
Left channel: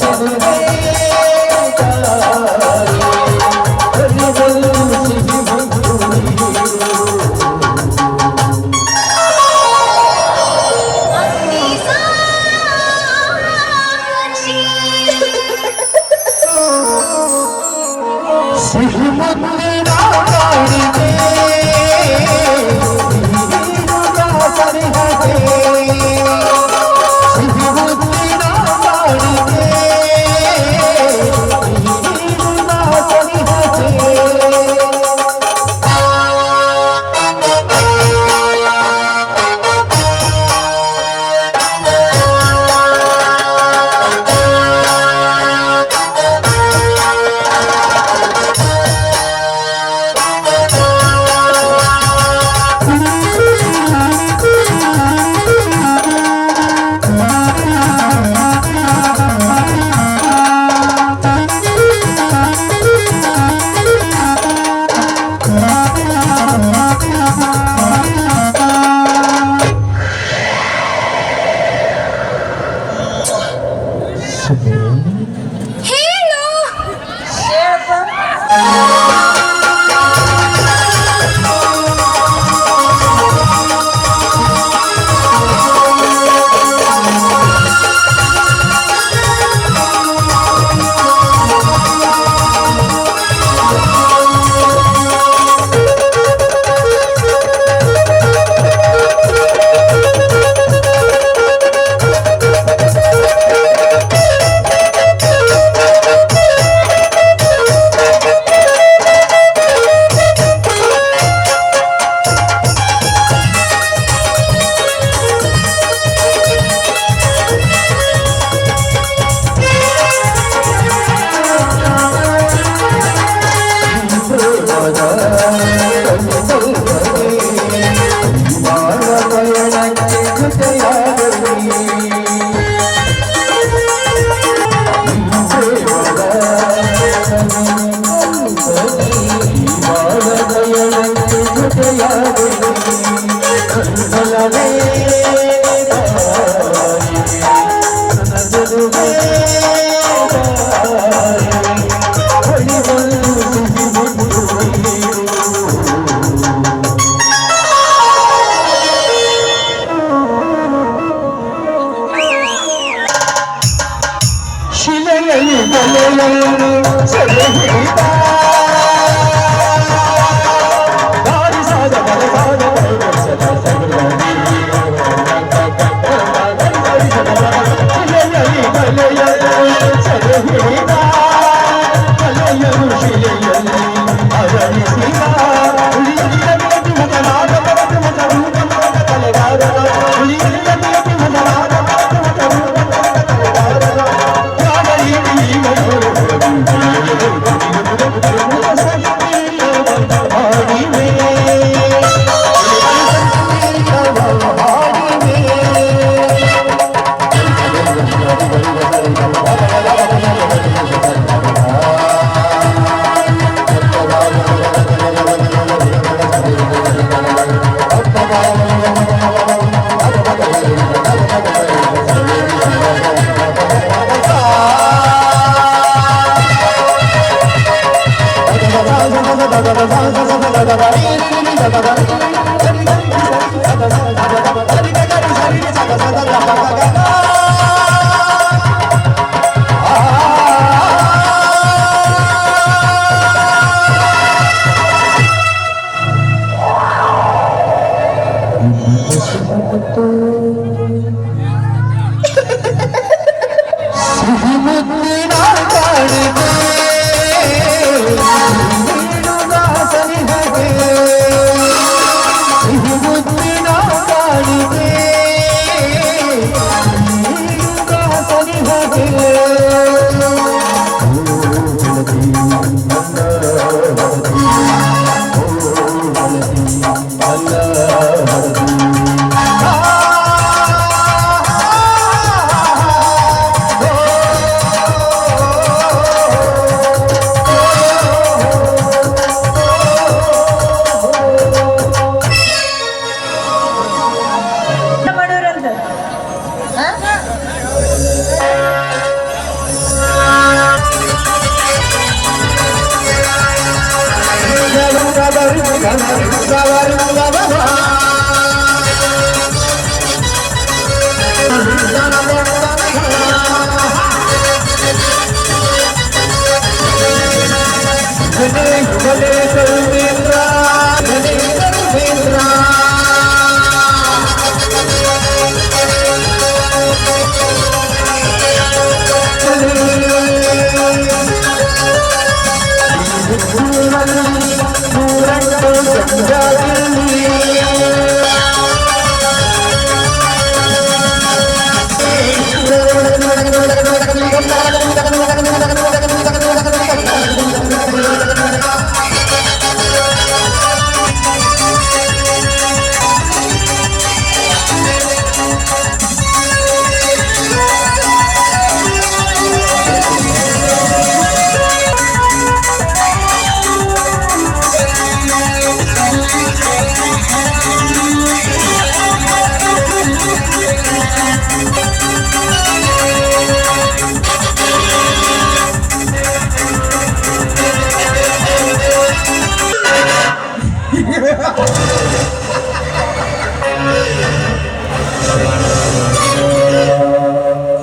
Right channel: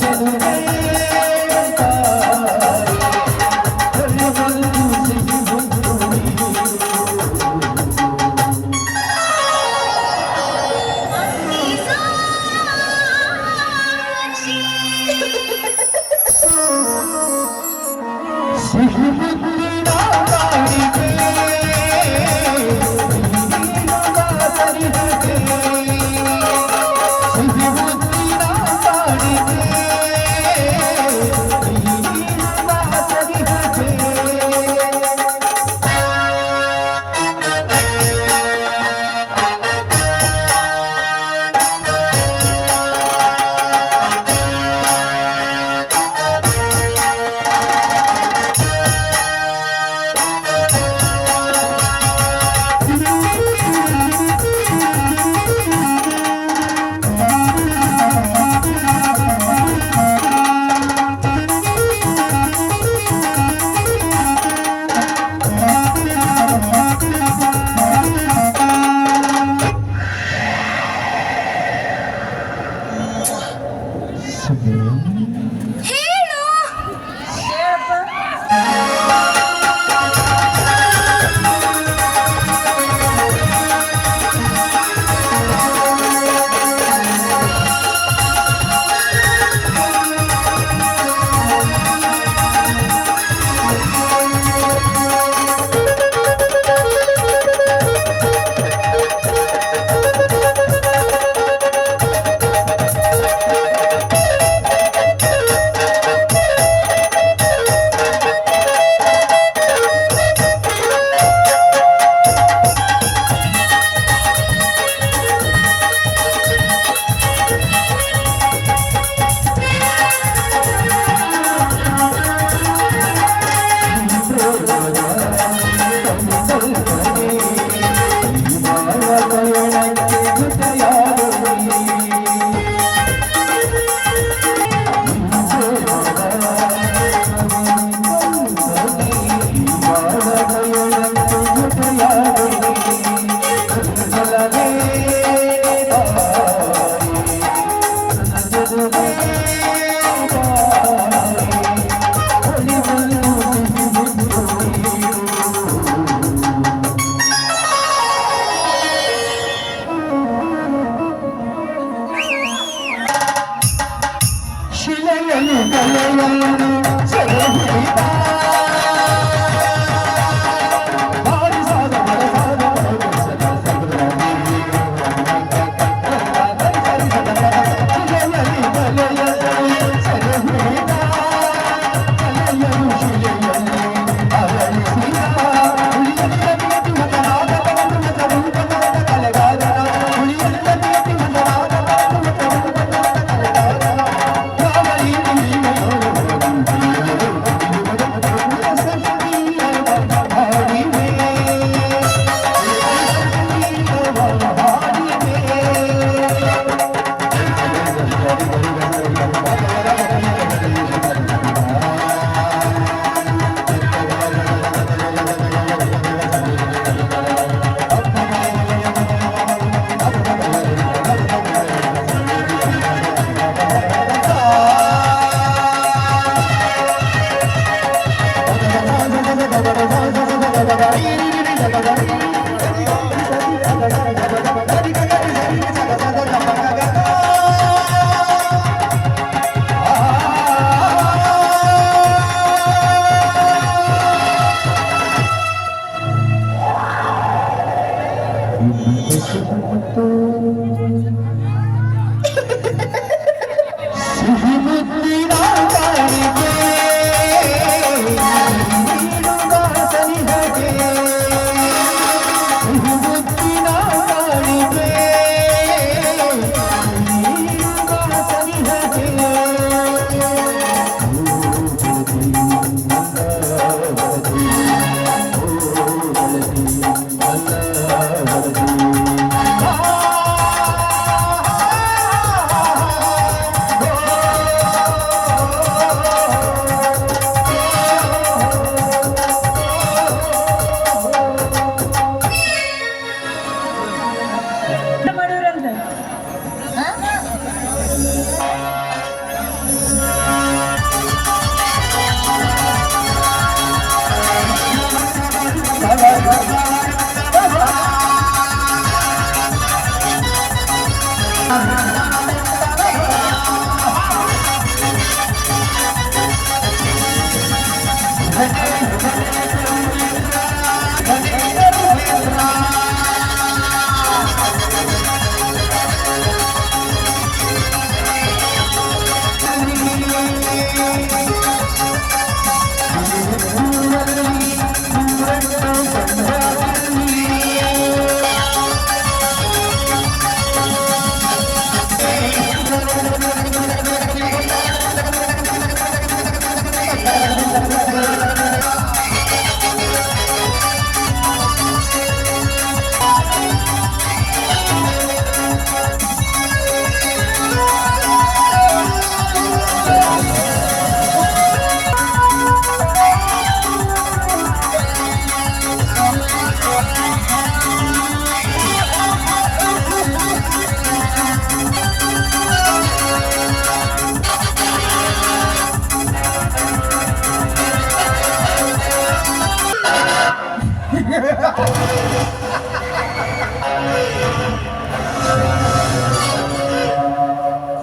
Thank you.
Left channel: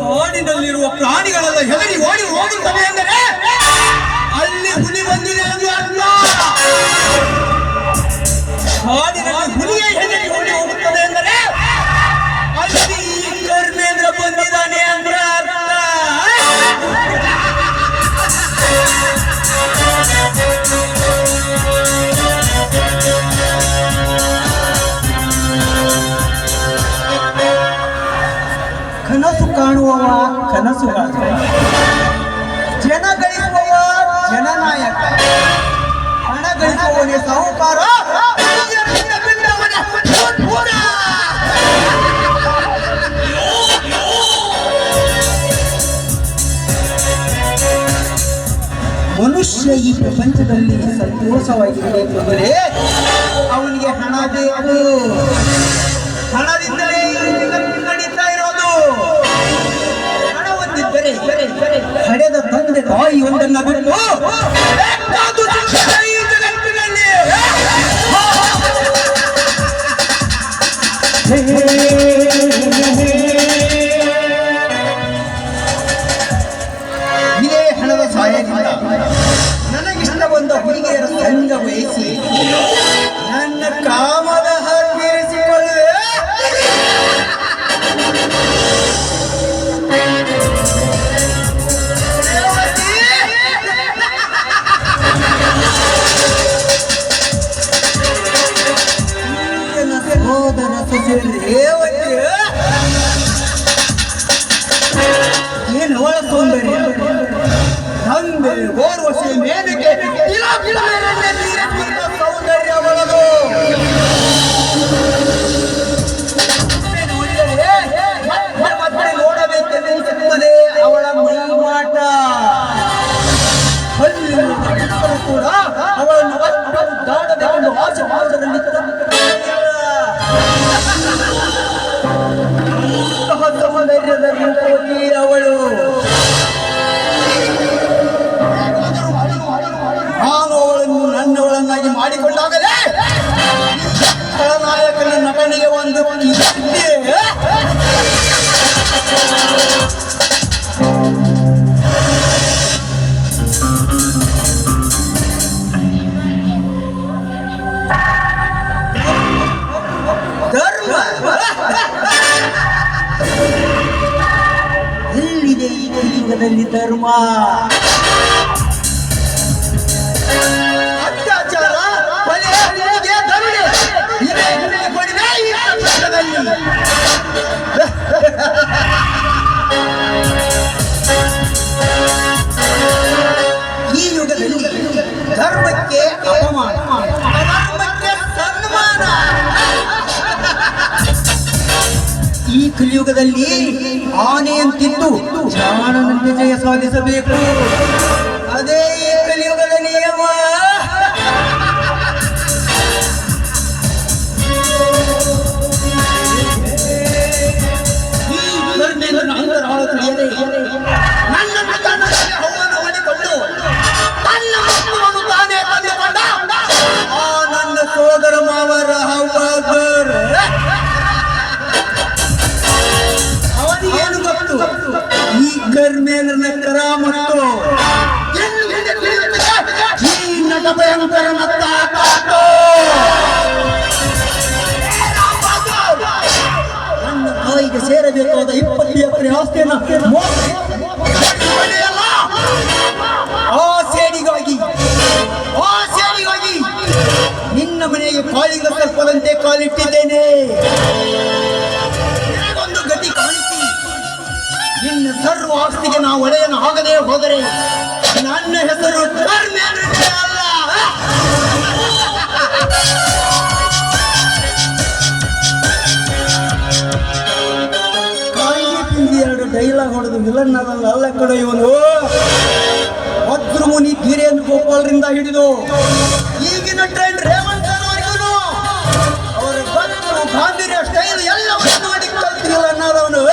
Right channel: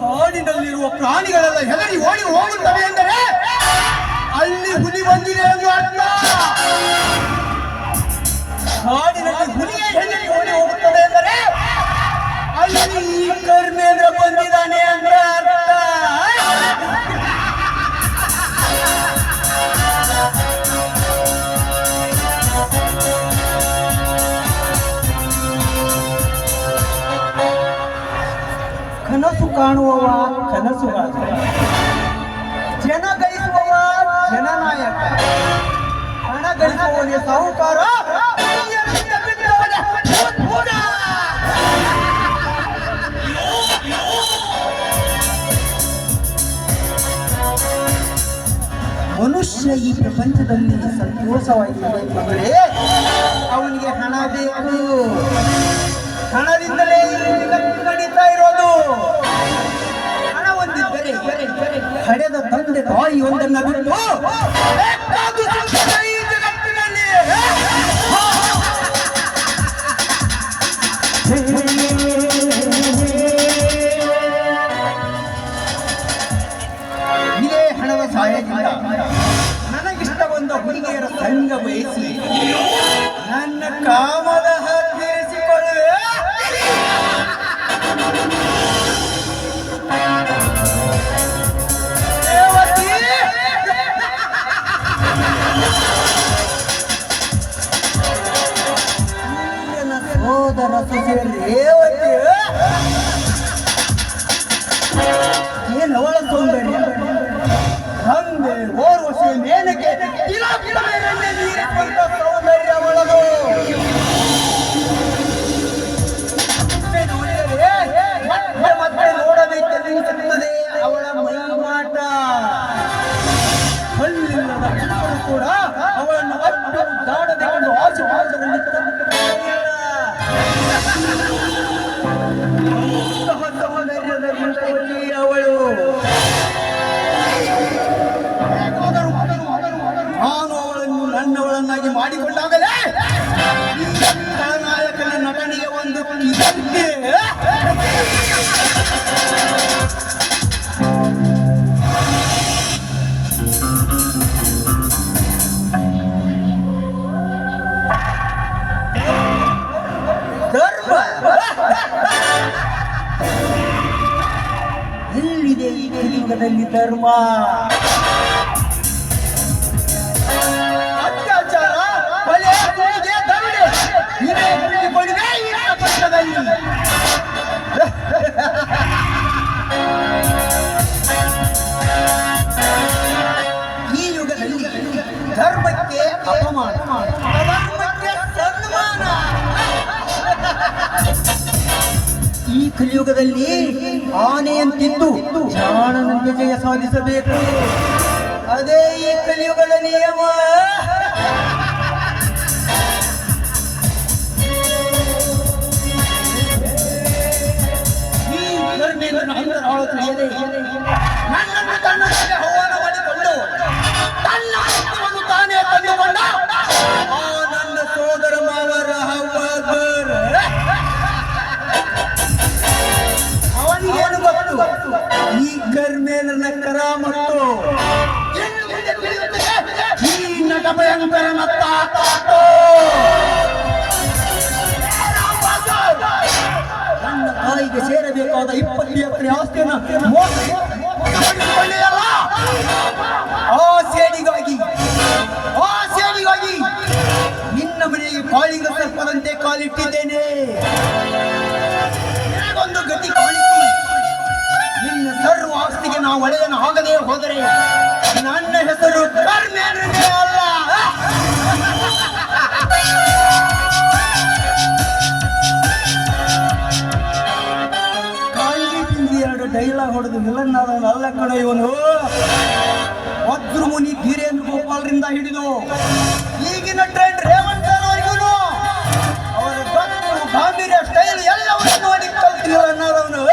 ಕಾಡಿನಲ್ಲಿರುವ ಪ್ರಾಣಿಗಳೆಲ್ಲ ಹೆದರಿ ಓಡಿ ಹೋಗುತ್ತವೆ ಎಂದರೆ ಅಲ್ಲಿ ಹುಲಿ ಬಂದಿದೆ ಎಂದು ಅರ್ಥ. ಕಾಡಿನಲ್ಲಿ ಹುಲಿಯೇ ಹೆದರಿ ಓಡಿ ಹೋಗುತ್ತದೆ ಎಂದರೆ ಅಲ್ಲಿ ಈ ಕರ್ಮೇಂದ್ರ ಬಂದಿದ್ದಾನೆ ಅಂದ್ರೆ ಅರ್ಥ. ಕನಸು ಕಾಣುವವ ಕನಸುಗಾರ, ಜನ ಗಳಿಸುವವ ಜನನಾಯಕ, ಹಣ ಗಳಿಸುವವನೇ ಸಾಹುಕಾರ. ಮನುಷ್ಯ ಈ ಪ್ರಪಂಚದಲ್ಲಿ ಸಂತೋಷವಾಗಿರಬೇಕೆಂದರೆ ಅವನಿಗೆ ಹಣ ಬೇಕು. ಹಣದಿಂದಲೇ ನಡೀತಾ ಇರೋದು. ಹಣ ಹೊಂದಿದ್ದರೆ ಹಡೆದ ತಂದೆ ತಾಯಿ ಒಂದನ್ನು ಬಿಟ್ಟು ಈ ಜಗತ್ತಿನಲ್ಲಿ ಇದೇ ಹಣದ ಸಹಾಯದಿಂದ ನನಗಿಷ್ಟ ಬಂದ ಹುಡುಗಿಯರ ಸಂಘ ವಹಿಸಿ ನನ್ನ ಕಾಮದ ಹಾಕಿರಿಸಿಕೊಳ್ಳುವೆ. ಸಹೋದರ ರೇವತಿ ಏನವಳ ಸೌಂದರ್ಯ, ತಂದೆ ಓರ್ವಶಿ ಮೇನಕ್ಕೆ ಸೌಂದರ್ಯ ಒಳಗು. ಮತ್ತೆ ನೋಡಬೇಕೆಂದಿರುತ್ತದೆ ಅವಳ ಮೈಮಾಟ. ಹಲ್ಲಿನ ಕೂಡ ಅವಳನ್ನು ಅಷ್ಟು ದಾಡಬೇಕೆಂದು ಆಸೆ ಪಾಸದಲ್ಲಿ ಸೌಂದರ್ಯದ ರೂಪವತಿ ಅವಳು. ನಾನು ಅವಳನ್ನು ನನ್ನವಳನ್ನಾಗಿ ಮಾಡಿಕೊಂಡಾಗಲೇ ನಾಯಕನ ನಟನೆಗೆ ಒಂದು ಕೀರ್ತಿ. ಧರ್ಮ ಎಲ್ಲಿದೆ ಈ ಕಲಿಯುಗದಲ್ಲಿ ಧರ್ಮ? ಅತ್ಯಾಚಾರ, ಕೊಲೆ, ದರೋಡೆ ಇದೇ ಕೊಡಿದೆ ಈ ಪ್ರಪಂಚದಲ್ಲಿ. ಈ ಯುಗದಲ್ಲಿ ಧರ್ಮಕ್ಕೆ ಅಪಮಾನ, ಅಧರ್ಮಕ್ಕೆ ಸನ್ಮಾನ. ಈ ಕಲಿಯುಗದಲ್ಲಿ ಆನೆಯಂತಿದ್ದು ಜಾಣನಂತೆ ಜಯ ಸಾಧಿಸಬೇಕು. ಅದೇ ಈ ಕಲಿಯುಗದ ನಿಯಮ. ನನ್ನನ್ನು ತನ್ನದೇ ಹವ್ವನ ಮಾಡಿಕೊಂಡು ತನ್ನ ಮಕ್ಕಳನ್ನು ತಾನೇ ತಂದುಕೊಂಡ ಆ ನನ್ನ ಸೋದರ ಮಾವರ ಹವ್ವರ್ ಅವನಿಗೇನು ಗೊತ್ತು ಈ ಕರ್ಮೇಲನ ಕರಾಮತ್ತು. ಸೇರಬೇಕಾದ 20 ಎಕರೆ ಆಸ್ತಿಯನ್ನ ಆ ಸೇಡಿಗಾಗಿ ನಿನ್ನ ಮನೆಗೆ ಕಾಳಿಂಗ ಸರ್ಪದಂತೆ ಕಾಲಿಟ್ಟಿದ್ದೇನೆ. ಒಂದು ಗತಿ ಕಾಣಿಸಿ ನಿನ್ನ ಸರ್ವ ಆಸ್ತಿಗೆ ನಾವು ಒಡೆಯನ್ನು ಆಗದೆ ಹೋದರೆ ನನ್ನ ಹೆಸರು ಕರ್ಮೇಂದ್ರ ಅಲ್ಲ. ಎರಡು ಡೈಲಾಗ್ ಹೊಡೆದು ವಿಲನ್ ಅಲ್ಲ ಕಡೆ ಇವನು. ವಜ್ರಮುನಿ ಧೀರೇಂದ್ರ ಗೋಪಾಲ್ರಿಂದ ಹಿಡಿದು ಈಗಿನ ಟ್ರೆಂಡ್ ರೇವಂತ್ ಅವರಿಗೂ ಅವರ ಗತ್ತು ಗಾಂಭೀರ್ಯ ಸ್ಟೈಲ್ ಎಲ್ಲವನ್ನೂ ನೋಡಿ ಕಲ್ತಿಲ್ಲ ಅನ್ನೋದವನು.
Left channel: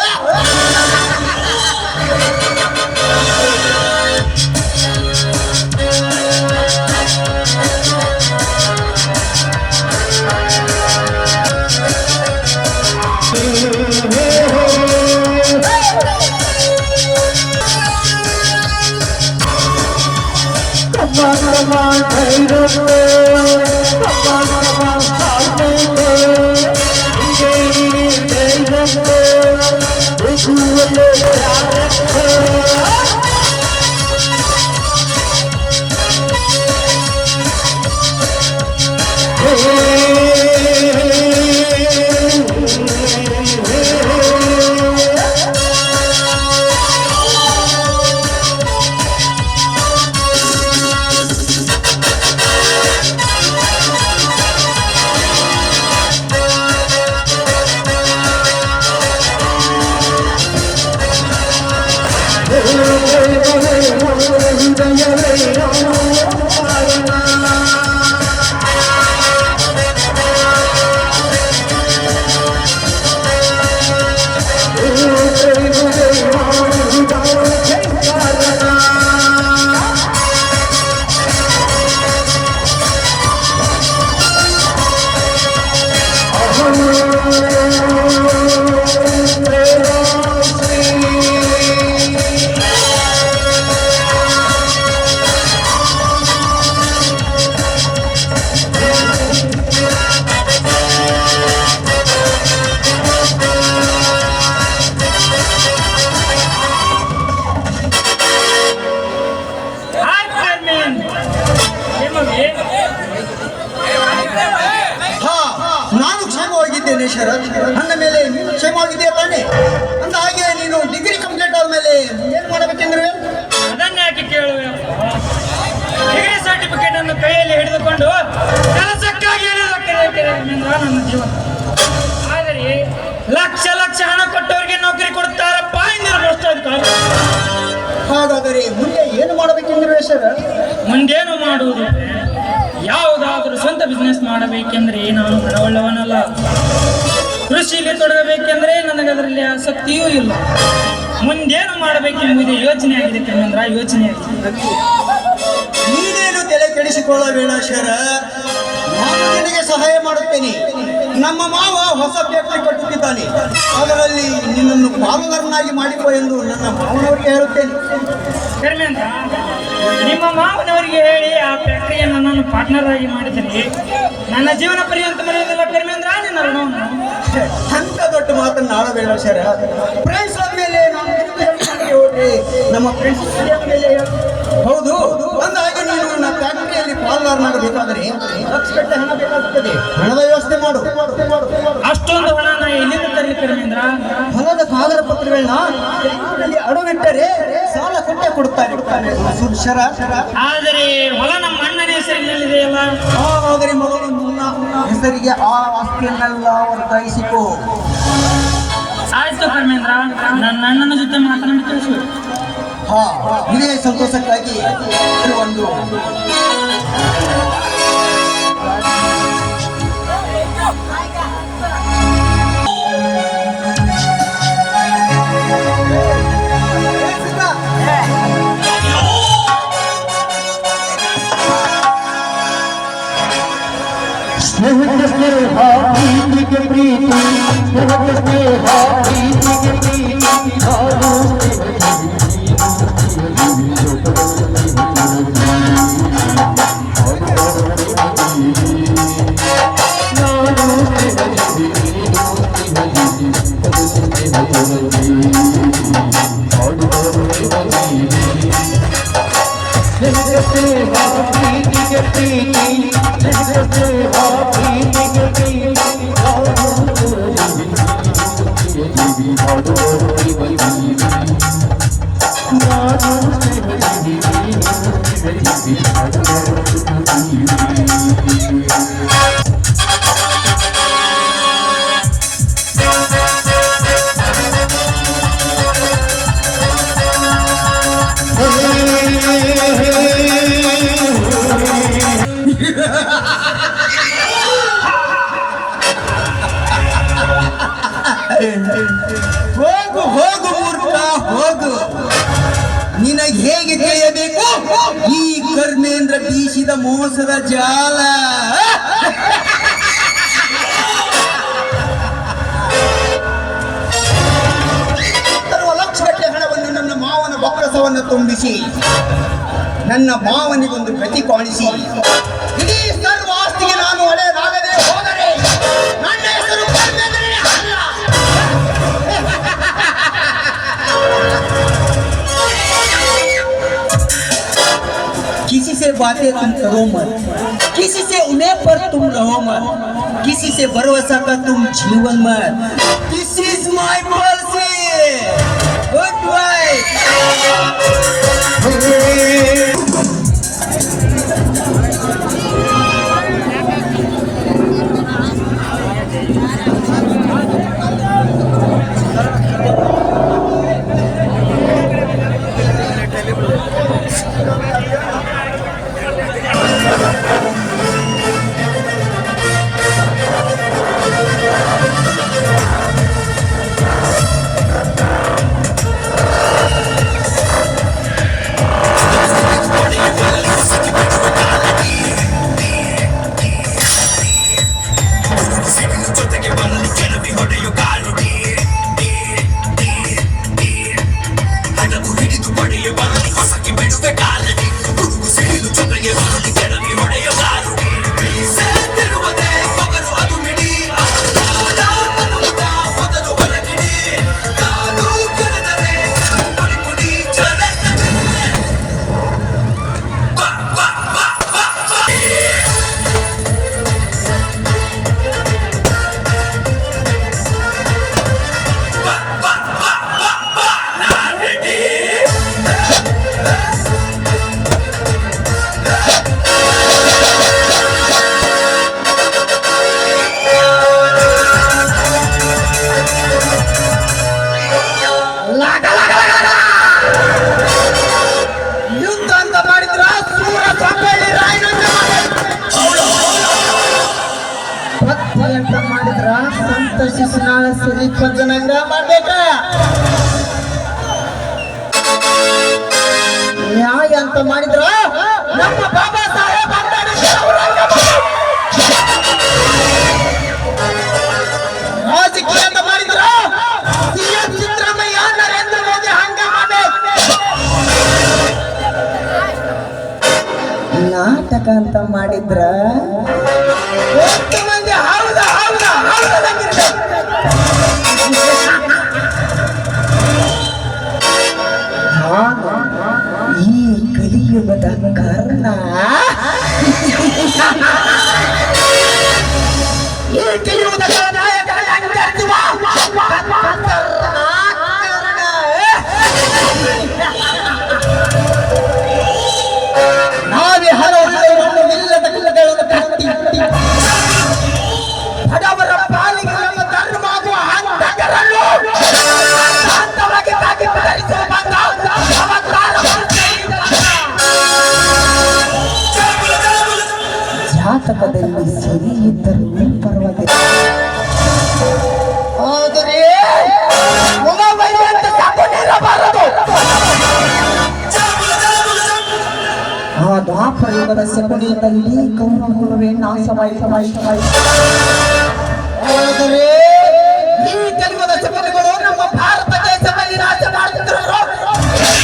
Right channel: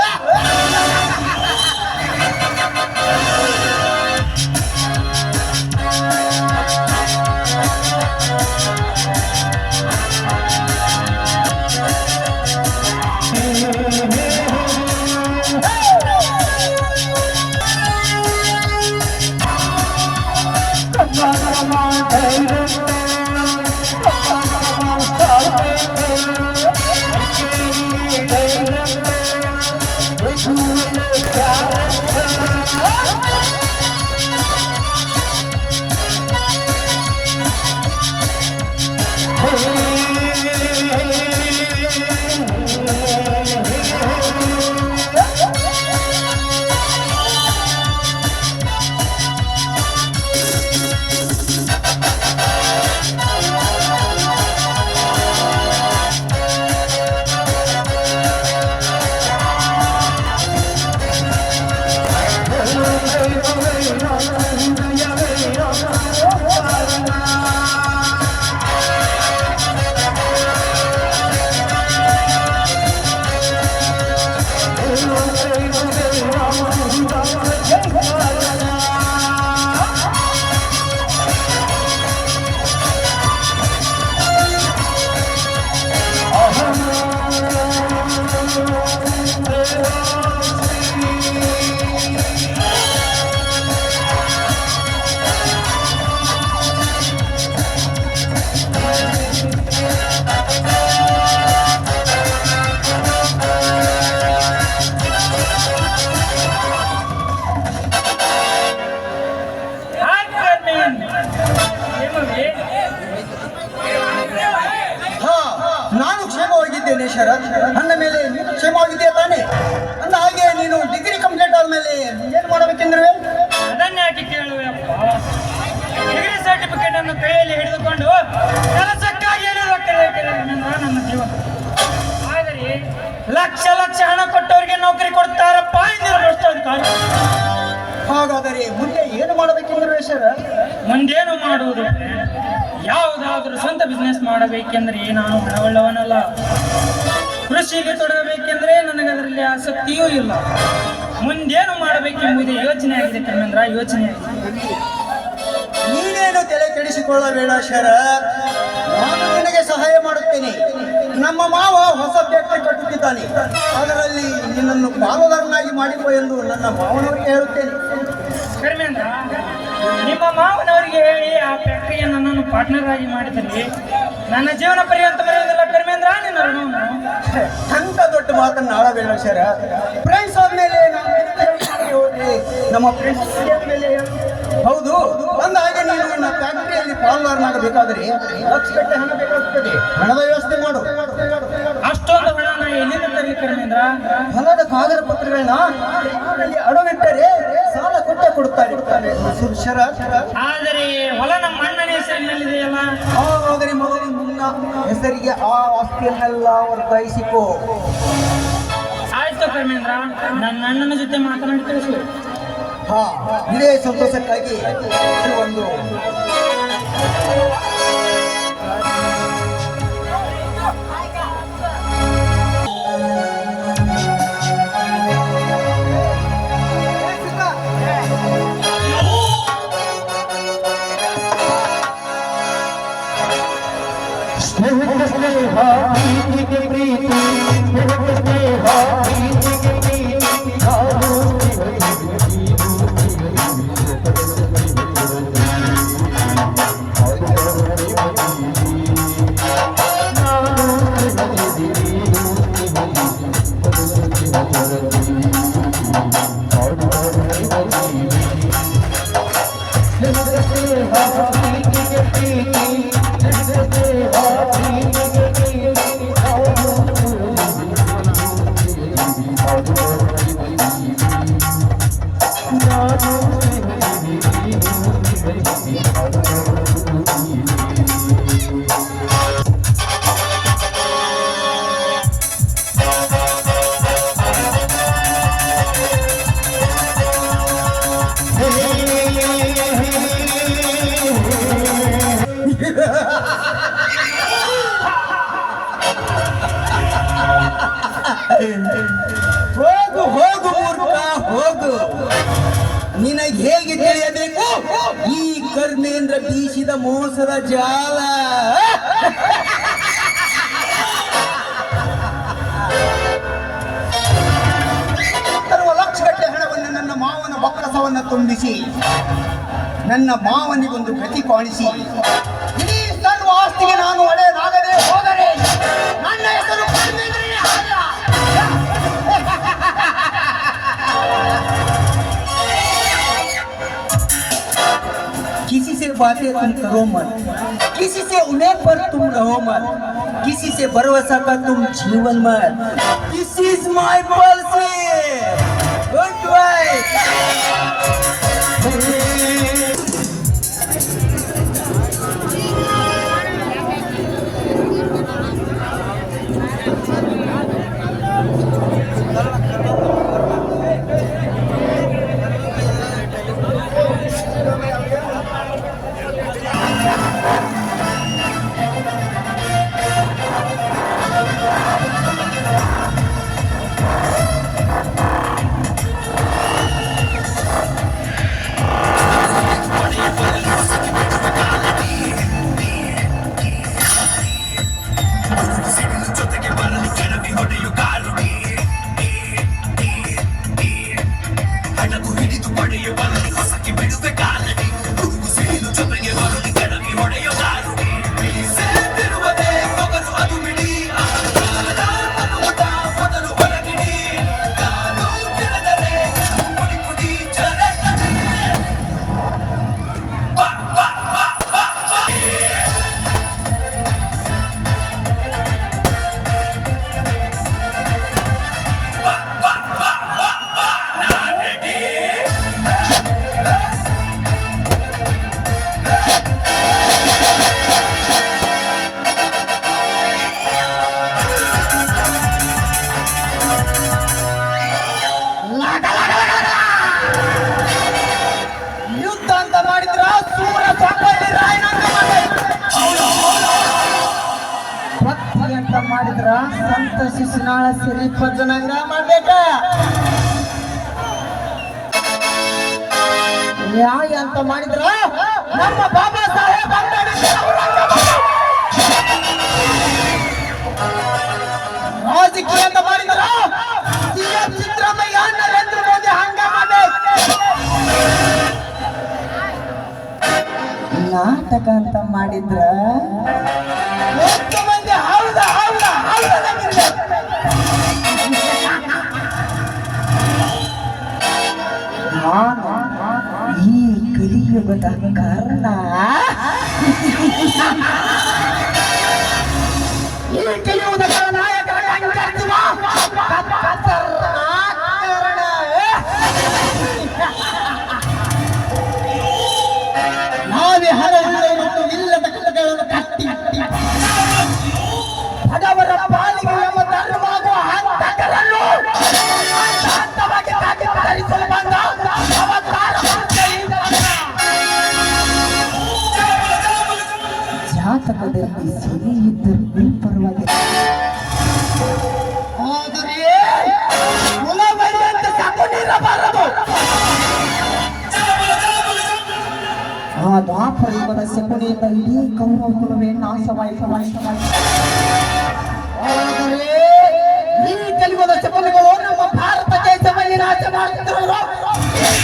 ನಾನು ಕ್ಷೇಮವಾಗಿದ್ದೇನೆ ಶರತ್. ನನ್ನ ಮೇಲೆ ನೀನು ಕ್ಷೇಮವಾಗಿದೆಯಾ ತಾನೆ? ಅಂದ ಹಾಗೆ ನೀನು ಡಿಗ್ರಿ ಕಂಪ್ಲೀಟ್ ಆದ್ಮೇಲೆ ಏನ್ ಮಾಡಬೇಕೆಂದ್ರೆ? ಅದನ್ನ ಯಾಕೆ ಕೇಳುವೆ? ಡಿಗ್ರಿ ಸರ್ಟಿಫಿಕೇಟ್ ಅನ್ನು ಕೈಯಲ್ಲಿ ಹಿಡಿದುಕೊಂಡು ಕೆಲಸಕ್ಕಾಗಿ ನನ್ನ ಜೀವನ. ಆದರೆ ಲಕ್ಷ ಲಕ್ಷ ಹಣ ಕೊಟ್ಟವರಿಗೆ ನೌಕರಿ ಕೊಡ್ತಾರಪ್ಪ ಇಂದಿನ ಭ್ರಷ್ಟಾಧಿಕಾರಿ. ಹಾಗಾದರೆ ಮುಂದೆ ಏನು ಮಾಡಬೇಕೆಂದ್ರೆ ಶರತ್? ಮುಂದೇನು ಮಾಡುವುದು? ಯಾವುದಾದ್ರೂ ಸ್ವಂತ ಬಿಸ್ನೆಸ್ ಮಾಡಬೇಕೆಂದ್ರೆ ನಾನು ಹಣವುಳ್ಳವನಲ್ಲ. ಕೃಷಿಗೆ ತೊಡಗಬೇಕೆಂದ್ರೆ ನನಗದರಲ್ಲಿ ಆಸಕ್ತಿಯೂ ಇಲ್ಲ. ಮುಂದೇನು ಮಾಡಬೇಕೆಂಬುದೇ ಯೋಚನೆ ಆಗಿದೆ ಕಣ್ಣಂದ್ರ, ಯೋಚನೆ ಆಗಿದೆ. ನೀನೇನು ತಲೆ ಕೆಡಿಸಿಕೊಳ್ಳಬೇಡ ಶರತ್, ನಾನು ನಿನಗೆ ಸಹಾಯ ಮಾಡುತ್ತೇನೆ. ನಮ್ಮ ಮಾವ ಹೊಸ ಫ್ಯಾಕ್ಟರಿ ಕಟ್ಟುತ್ತಿದ್ದಾನೆ, ಅದರಲ್ಲಿ ನಿನ್ನನ್ನು ಪಾಲುದಾರನಾಗಿ ಮಾಡಿಕೊ ಎಂದು ನನ್ನ ಮಾವನವರಿಗೆ ಹೇಳುತ್ತೇನೆ. ಕರ್ಮೇಂದ್ರ, ನಿಮ್ಮ ಮಾವನವರಿಗೆ ಹೇಳಿ ಆ ಫ್ಯಾಕ್ಟರಿಯ ನನ್ನನ್ನು ಪಾರ್ಟ್ನರ್ ಆಗಿ ಮಾಡಿದರೆ ನನ್ನ ಜೀವನ ಪರ್ಯಂತ ಮರೆಯೋದಿಲ್ಲ ಕರ್ಮೇಂದ್ರ ನಿನ್ನ ಋಣವನ್ನು. ಎಂತ ದೊಡ್ಡ ಮಾತನ್ನು ಆಡಬೇಡ ಶರತ್. ಫ್ರೆಂಡ್ಸ್ ಆದ್ಮೇಲೆ ನಮ್ಮ ಫ್ರೆಂಡ್ಸ್ ಮೇಲೆ ಹೌದು. ಒಂದ ಹಾಗೆ ನೀನು ನನ್ನ ಫ್ಯಾಕ್ಟರಿಯಲ್ಲಿ ಪಾಲ್ಗಾರನಾಗಬೇಕಾದರೆ ಲಕ್ಷಗಟ್ಟಲೆ ಹಣ ಬೇಕಾಗುತ್ತದೆ. ಹಣದ ವ್ಯವಸ್ಥೆ ಮಾಡು. ಅಷ್ಟೊಂದು ಹಣ ನಾ ಎಲ್ಲಿಂದ ತರಲಿ ಕರ್ಮೇಂದ್ರ? ಹೊಲದ ಕಾಗದ ಪತ್ರಗಳನ್ನ ಅಡವಿಟ್ಟರೆ ಸಾಲ ಕೊಟ್ಟೆ ಕೊಡುತ್ತಾರೆ ಶರತ್. ಆದರೆ ಹೊಲ ನಮ್ಮ ಅಣ್ಣನ ಹೆಸರಿನಲ್ಲಿದೆಯಲ್ಲ. ಹಾಗಾದರೆ ಮೊದಲು ಮುನ್ನ ಹೆಸರಿಗೆ ಆ ಆಸ್ತಿಯನ್ನೆಲ್ಲ ವರ್ಗಾಯಿಸಿಕೋ. ಆಯ್ತು ಕರ್ಮೇಂದ್ರ, ನನ್ನ ಅಣ್ಣನ ಜೊತೆ ಮಾತನಾಡಿ ತಿಳಿಸುವೆ. ಹಾ, ಇದೇ ಸಂತೋಷಕ್ಕಾಗಿ ಒಂದು ಹೋಗು ಹೋಗು ಮೂರ್ಖ ಹೋಗು. ನಿನಗೆ ಹೇಗೆ ತಿಳಿಯಬೇಕು ಈ ಕರ್ಮೇಂದ್ರ ಬೀಸಿದ ಮೋಸದ ಜಾಲ? ತರುವ ಲಕ್ಷಗಟ್ಟಲೆ ಹಣವನ್ನು ನನ್ನ ಮಾವನ ಬೊಕ್ಕಸವನ್ನು ತುಂಬಿಸಿ ನನ್ನ ಮಾವನಿಗೊಂದು ಗತಿ ಕಾಣಿಸಿ ಇಡೀ ಸರ್ವ ಆಸ್ತಿಗೆ ನಾನು ಒಡೆಯನಾಗದೆ ಹೋದರೆ ನನ್ನ ಹೆಸರು ಕರ್ಮೇಂದ್ರನೇ ಅಲ್ಲ. किसी से बातें तुम करो मत, किसी से उन्हें पर तुम रहो मत, किसी से भरोसा का तुम जीवन मत. This is my policy. Goodbye. ಮಾಡಿದ್ರ ಸಂತ ಶಿಶುನಾಳ ಸಿರಿ ಪಂಚನಂಗ ಮಾಡ್ಬೇಕ. ನ್ಯಾಯ ಅಂತ ಮಾಡಿದ್ರ ನಮ್ಮ ಬಾಬಾ ಸಾಹೇಬ್ ಅಂಬೇಡ್ಕರ್ ರಾಜಕೀಯ ಅಂತ ಮಾಡಿದ್ರ ಸಿಎಂ ಸಿದ್ದರಾಮಯ್ಯ ನರೇಂದ್ರ ಮೋದಿ ಹಂಗ ಮಾಡ್ಬೇಕು. ನಾಟಕ ಅಂತ ಮಾಡಿದ್ರ ಈ ಕಲಿಯುಗದ ಕಾರಣ ನಾವೇ ಹಲವು ಇಲ್ಲದ ಕಲ್ಲಗಳನ್ನು ಕಟ್ಟಿ ಬಡವರ ಪಾಲಿಗೆ ನಮ್ಮ ಧರ್ಮವಾಗುವ ಹಂತಕರನ್ನು ಶಾಂತವಾಗಿ ತಾಗಿ ತರಿಸುವ ಬಂದ ಜಾತಕದಲ್ಲಿ ಸಿರಿ ಇದ್ದರೂ ಪರವಾಗಿಲ್ಲ, ಆದರೆ ಗುಣವೈವಂತ ತಗೊಂಡಿರಬಾರದು. ಆ ದ್ವಾಪರ ಯುಗದ ಸೆಪಣಿಯಲ್ಲಿ ಕೌರವೇ ನಾಶವಾಯಿತು. ಆದರೆ ಈ ಕಲಿಯುಗದ ಸೆಪಣಿಗಳು ನಮ್ಮ ಭಾರತ ದೇಶದಲ್ಲಿ ರಾಜ್ಯ ಮಾಡುತ್ತಿರುವ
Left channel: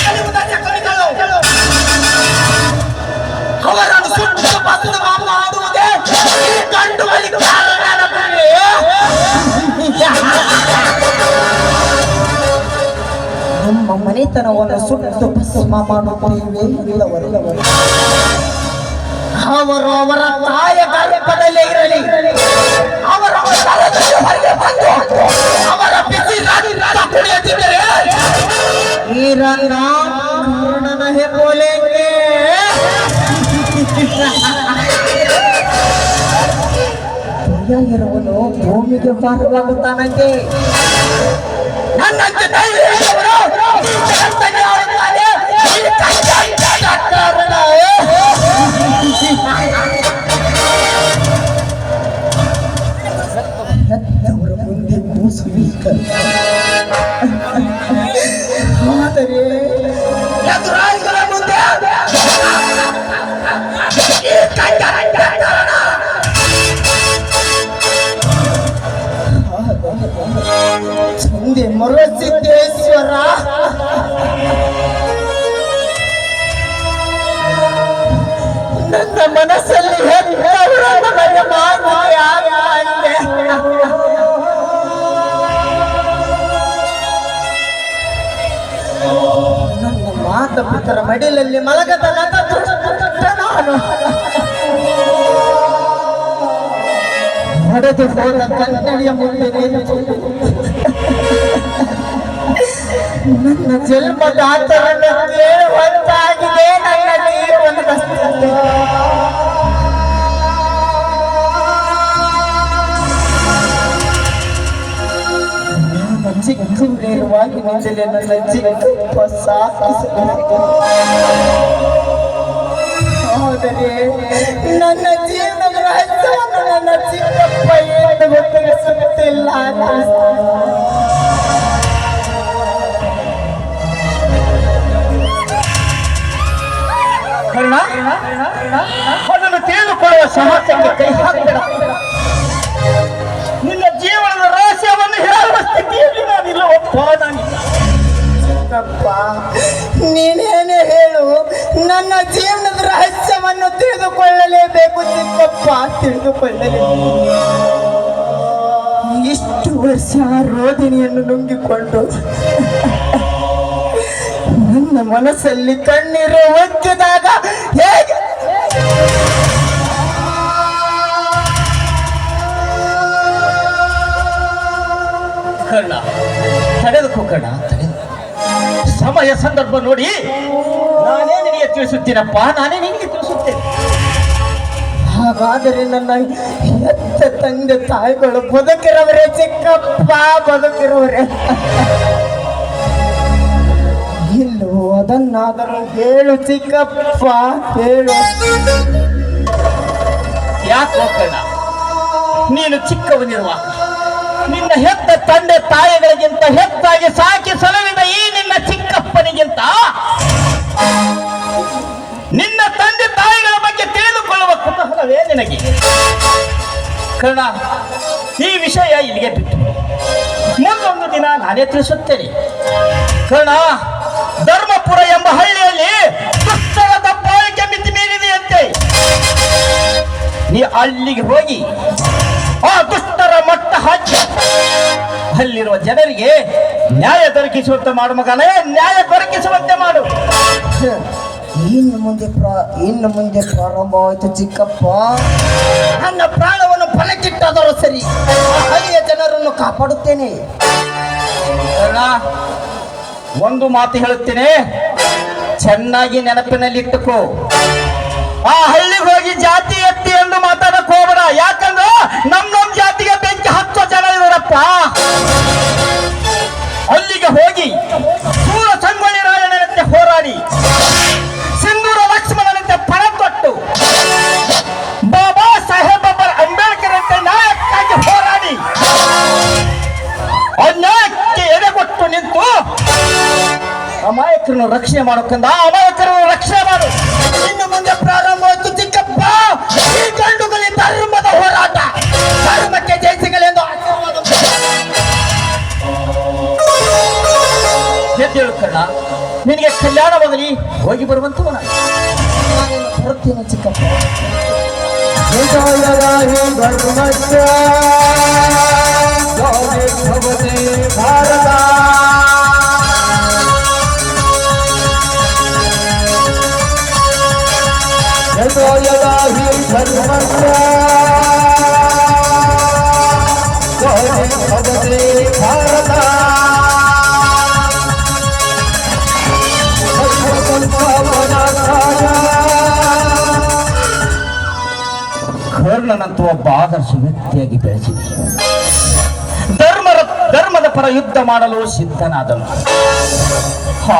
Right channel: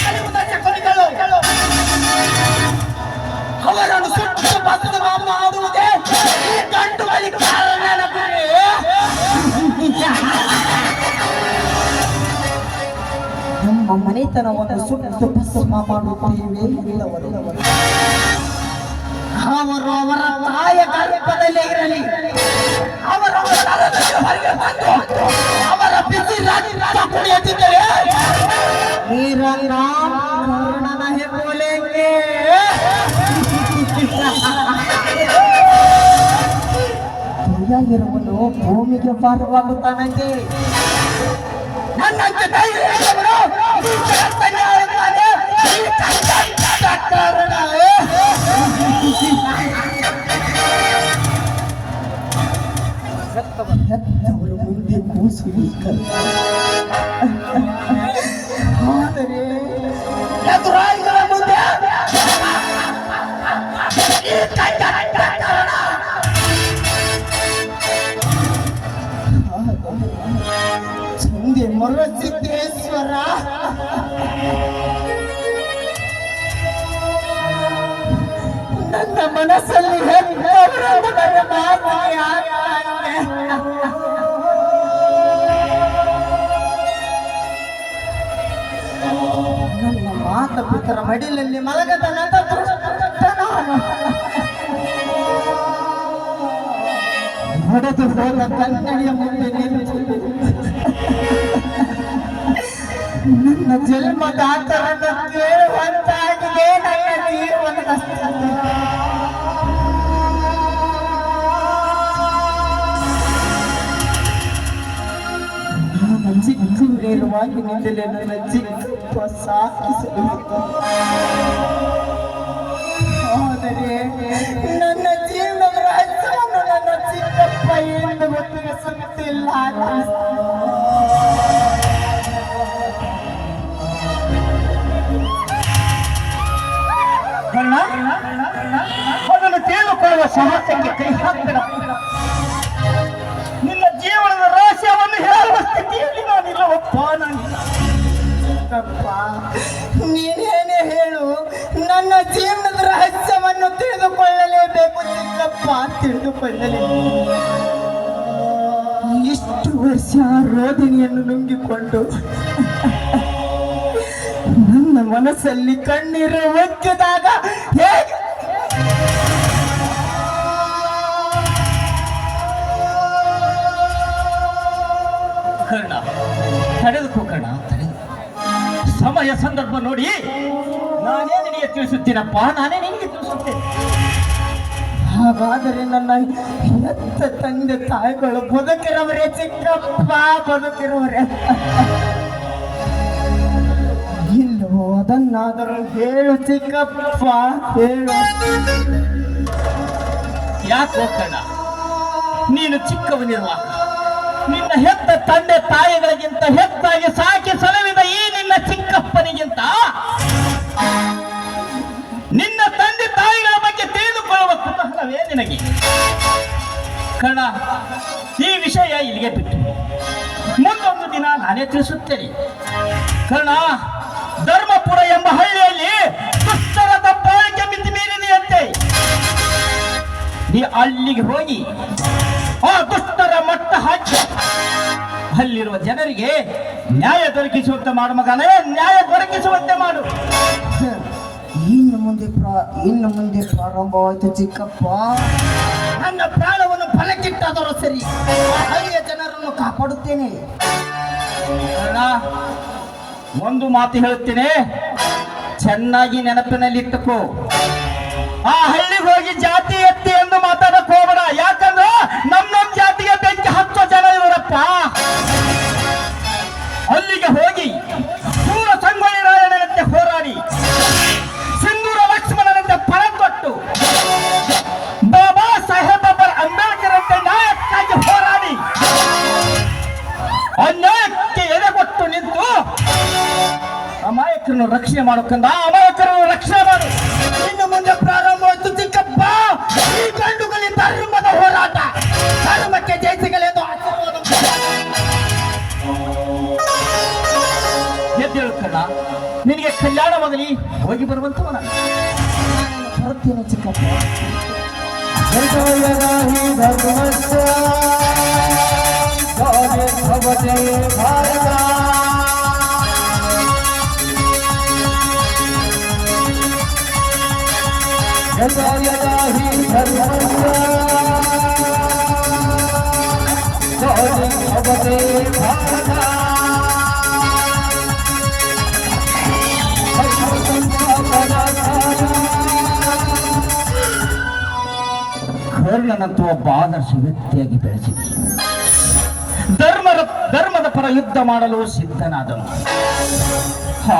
ಕಲಿಯುಗದ ಸೆಪಣಿಗಳು ಅವರನ್ನು ಸುಟ್ಟು ಬಸದ ಮಾಡುವುದೇ ಕಂಡು ಬಳಿ ಕಾರಣ. ನಮ್ಮ ಮನೆ ಮನೆತನವನ್ನು ಸುಟ್ಟು ಭಸ್ಮ ಮಾಡುತ್ತೇವೆ ಎಂದವರು. ಅವರು ಅವರ ತಾಯ ಗರ್ಭದಲ್ಲೇ ಇರಲಿ, ಅವರ ಸ್ಥಳದಲ್ಲಿ ಹೊರಗೆ ಬಂದು ಅವರ ಬಿಸಿ ರಕ್ತ ಕುಡಿಯುತ್ತಿದ್ದರೆ ನೀರನ್ನ ಕರ್ಣನ ಹೆಬೋಲೆಂಗೆ ಇರುವನು ಭೂಮಿಗೆ ಭಾರವಾಗುತ್ತಾನಂತೆ. ನನ್ನಂತೆ ಧೈರ್ಯ ಇರುವವನು ಜಗತ್ತಿಗೆ ಆಳುತ್ತಾನೆ. ಹೆತ್ತವರ ಮುಂದೆ ಕೂಸು ಆದರೆ ಎದುರಾಳಿಗಳ ಮುಂದೆ ಚಂದೆ ಮರುಸಿದ್ದೇಶ್ವರ ನನ್ನ ಮನಸ್ಸಲ್ಲಿ ನನಗೆ ಮಾನ್ಯ ನನ್ನ ಮಾತಪಿತರ ಮಡಿಲಲ್ಲಿ ಮಲಗದ ನಾನು ಹೊಡೆದು ಹೋದ ಕನ್ನಡಿಯ ಮುಂದೆ ನನ್ನ ಜನ್ಮದ ಆತರನ್ನು ಕೇಳುವಂತಾಗಿದೆ. ನನ್ನ ಜೀವನದ ಚಿಕ್ಕವಾಗಿನಿಂದಲೇ ನನ್ನ ಚಿಕ್ಕಪ್ಪ ಸಾಕಿಸಬೇಕು. ಆದರೆ ನನ್ನ ಜೀವನದ ರಹಸ್ಯವನ್ನು ನನ್ನ ಚಿಕ್ಕಪ್ಪ ಎಂದು ಗೊತ್ತಿರಿಸುತ್ತಿಲ್ಲ. ಕರ್ಣ, ಅದನ್ನು ತಿಳಿದುಕೊಳ್ಳುವ ಸಾಹಸಕ್ಕೆ ಕೈ ಹಾಕಬೇಡ. ನಿನ್ನ ಜೀವನದ ರಹಸ್ಯವನ್ನು ಹೇಳುವ ಸ್ಥಿತಿಯಲ್ಲಿ ನಾನಿಲ್ಲವಪ್ಪ. ಚಿಕ್ಕಪ್ಪ, ನೀನೇನೇ ಹೇಳು, ನನ್ನ ಜೀವನದ ರಹಸ್ಯವನ್ನು ತಿಳಿದುಕೊಳ್ಳಲೇಬೇಕು ಚಿಕ್ಕಪ್ಪ, ತಿಳಿದುಕೊಳ್ಳಲೇಬೇಕು. ಇಷ್ಟು ವರ್ಷ ರೋದಿನಿಯನ್ನು ನುಂಗಿಕೊಂಡು ನನ್ನ ಮನಸ್ಸಲ್ಲಿ ಕಣ್ಣೀರು ಒಕ್ಕಿದಾಗ ಹೇಗೆ ಕರ್ಣ, ತಡೆದುಕೋ ಕರ್ಣ, ಸಮಯ ಸಂದರ್ಭ ನೋಡಿ ನಾನೇ ನಿನಗೆ ತಿಳಿಸುತ್ತೀನಪ್ಪ, ನಾನೇ ನಿನಗೆ ತಿಳಿಸುತ್ತೇನೆ. ಹಾಗಾದರೆ ನನ್ನ ಹೆತ್ತ ತಂದೆ ತಾಯಿಗಳು ಬದುಕಿರವರೇ ಚಿಕ್ಕಪ್ಪ, ಬದುಕಿರುವರೇ? ಇಲ್ಲೋ ಅದನ್ನಾದರೂ ಹೇಳು ಚಿಕ್ಕಪ್ಪ, ಹೇಳು. ಯಾಕೋ ಕರ್ಣ, ನೀನು ಚಿಕ್ಕವನಿರುವಾಗ ನಿನ್ನ ಹೆತ್ತ ತಂದೆ ತಾಯಿಗಳಿಗಿಂತ ಹೆಚ್ಚಾಗಿ ಸಾಕಿ ಸಲವಿದ ಈ ನಿನ್ನ ಚಿಕ್ಕಪ್ಪನಿಗಿಂತ ನಿನ್ನ ತಂದೆ ತಾಯಿಗಳ ಬಗ್ಗೆ ತಿಳಿದುಕೊಳ್ಳುವ ಕುತೂಹಲವೇ ನಿನಗೆ. ಕರ್ಣ, ಈ ವಿಷಯ ಇಲ್ಲಿಗೆ ಬಿಟ್ಟು ಮುಂದೊಂದು ದಿನ ನಾನೇ ತಿಳಿಸುತ್ತೇನೆ. ಕರ್ಣ, ಧರ್ಮಪುರ ಎಂಬ ಹಳ್ಳಿಯಲ್ಲಿ ದುಷ್ಟರ ದಬ್ಬಾಳಿಕೆ ಮಿತಿ ಮೀರಿದೆಯಂತೆ. ನೀ ಅಲ್ಲಿಗೆ ಹೋಗಿ ಆ ದುಷ್ಟರ ಮಟ್ಟ ಹಾಕಿ ಅಲ್ಲಿರುವ ಜನರಿಗೆ ನ್ಯಾಯ ದೊರಕಿಸುವಂತೆ ಮಾಡು ಮಗನೇ, ನ್ಯಾಯ ದೊರಕಿಸುವಂತೆ ಮಾಡು. ಇನ್ನು ಮುಂದೆ ಪ್ರಾರಂಭವಾಯಿತು ಚಿಕ್ಕಪ್ಪ. ನನ್ನ ಪ್ರಾಣವನ್ನು ಫಲಕ್ಕಿಟ್ಟಾದರೂ ಸರಿ, ಹಳ್ಳಿಯ ಜನರನ್ನು ಕಾಪಾಡುತ್ತೇನೆ. ಒಂದು ಮಾತು ಹೇಳುತ್ತೇನೆ, ಚೆನ್ನಾಗಿ ನೆನಪಿನಲ್ಲಿಟ್ಟುಕೋ. ಆ ಹಳ್ಳಿಗೆ ಹೋಗಿ ಜಾತಿ ಎತ್ತಿ ಎಂದು ಮಾತಾಡಕ್ ಹೋಗಬೇಡ. ಯಾಕಂದ್ರೆ ನಮ್ಮ ಜಾತಿಗೆ ಬೆಂಕಿ ಹಚ್ಚೋ ಜನ ಇರೋರಪ್ಪ. ಅಲ್ಲಿಗೆ ಹೋಗಿ ಸೂರ ಸಂಗೊಳ್ಳಿ ರಾಯಣ್ಣನಂತೆ ಹೋರಾಡಿ, ಸಿಂಧೂರ ಲಕ್ಷ್ಮಣನಂತೆ ಪಣ ತೊಟ್ಟು, ಬಾಬಾ ಸಾಹೇಬ್ ಅಂಬೇಡ್ಕರ್ ಅಂತೆ ನ್ಯಾಯಕ್ಕಾಗಿ ಹೋರಾಡಿ, ಅನ್ಯಾಯಕ್ಕೆ ಎದೆಗೊಟ್ಟು ನಿಂತು ಅಮಾಯಕರನ್ನು ರಕ್ಷಣೆ ಮಾಡೋಕಂದ ಅಮಾಯಕರನ್ನು ರಕ್ಷಣೆ ಮಾಡು. ಇನ್ನು ಮುಂದೆ ಪ್ರಾರಂಭವಾಯಿತು ಚಿಕ್ಕಪ್ಪ, ಈ ಗಂಡುಗಲಿ ಧರ್ಮದ ಹೋರಾಟ. ಧರ್ಮಕ್ಕೆ ಜಯಿಸಗಲೆಂದು ಆಶೀರ್ವಾದ. ಎದ್ದೇಳು ಕರ್ಣ, ನಿನಗೆ ಕಲ್ಯಾಣವಾಗಲಿ. ಹೋಗಿ ಬರುವಂತವನ ಬರುತ್ತೇನೆ ಚಿಕ್ಕಪ್ಪ. ಯದಾ ಯದಾ ಹಿ ಧರ್ಮಸ್ಯ ಭವತೆ ಭಾರತ ಕರ್ಣನಂತೂ ಒಬ್ಬ ಆದರ್ಶ ವ್ಯಕ್ತಿಯಾಗಿ ಬೆಳೆಸಿದೆ. ಧರ್ಮದ ಪರ ಯುದ್ಧ ಮಾಡಲು ಸಿದ್ಧನಾದನು.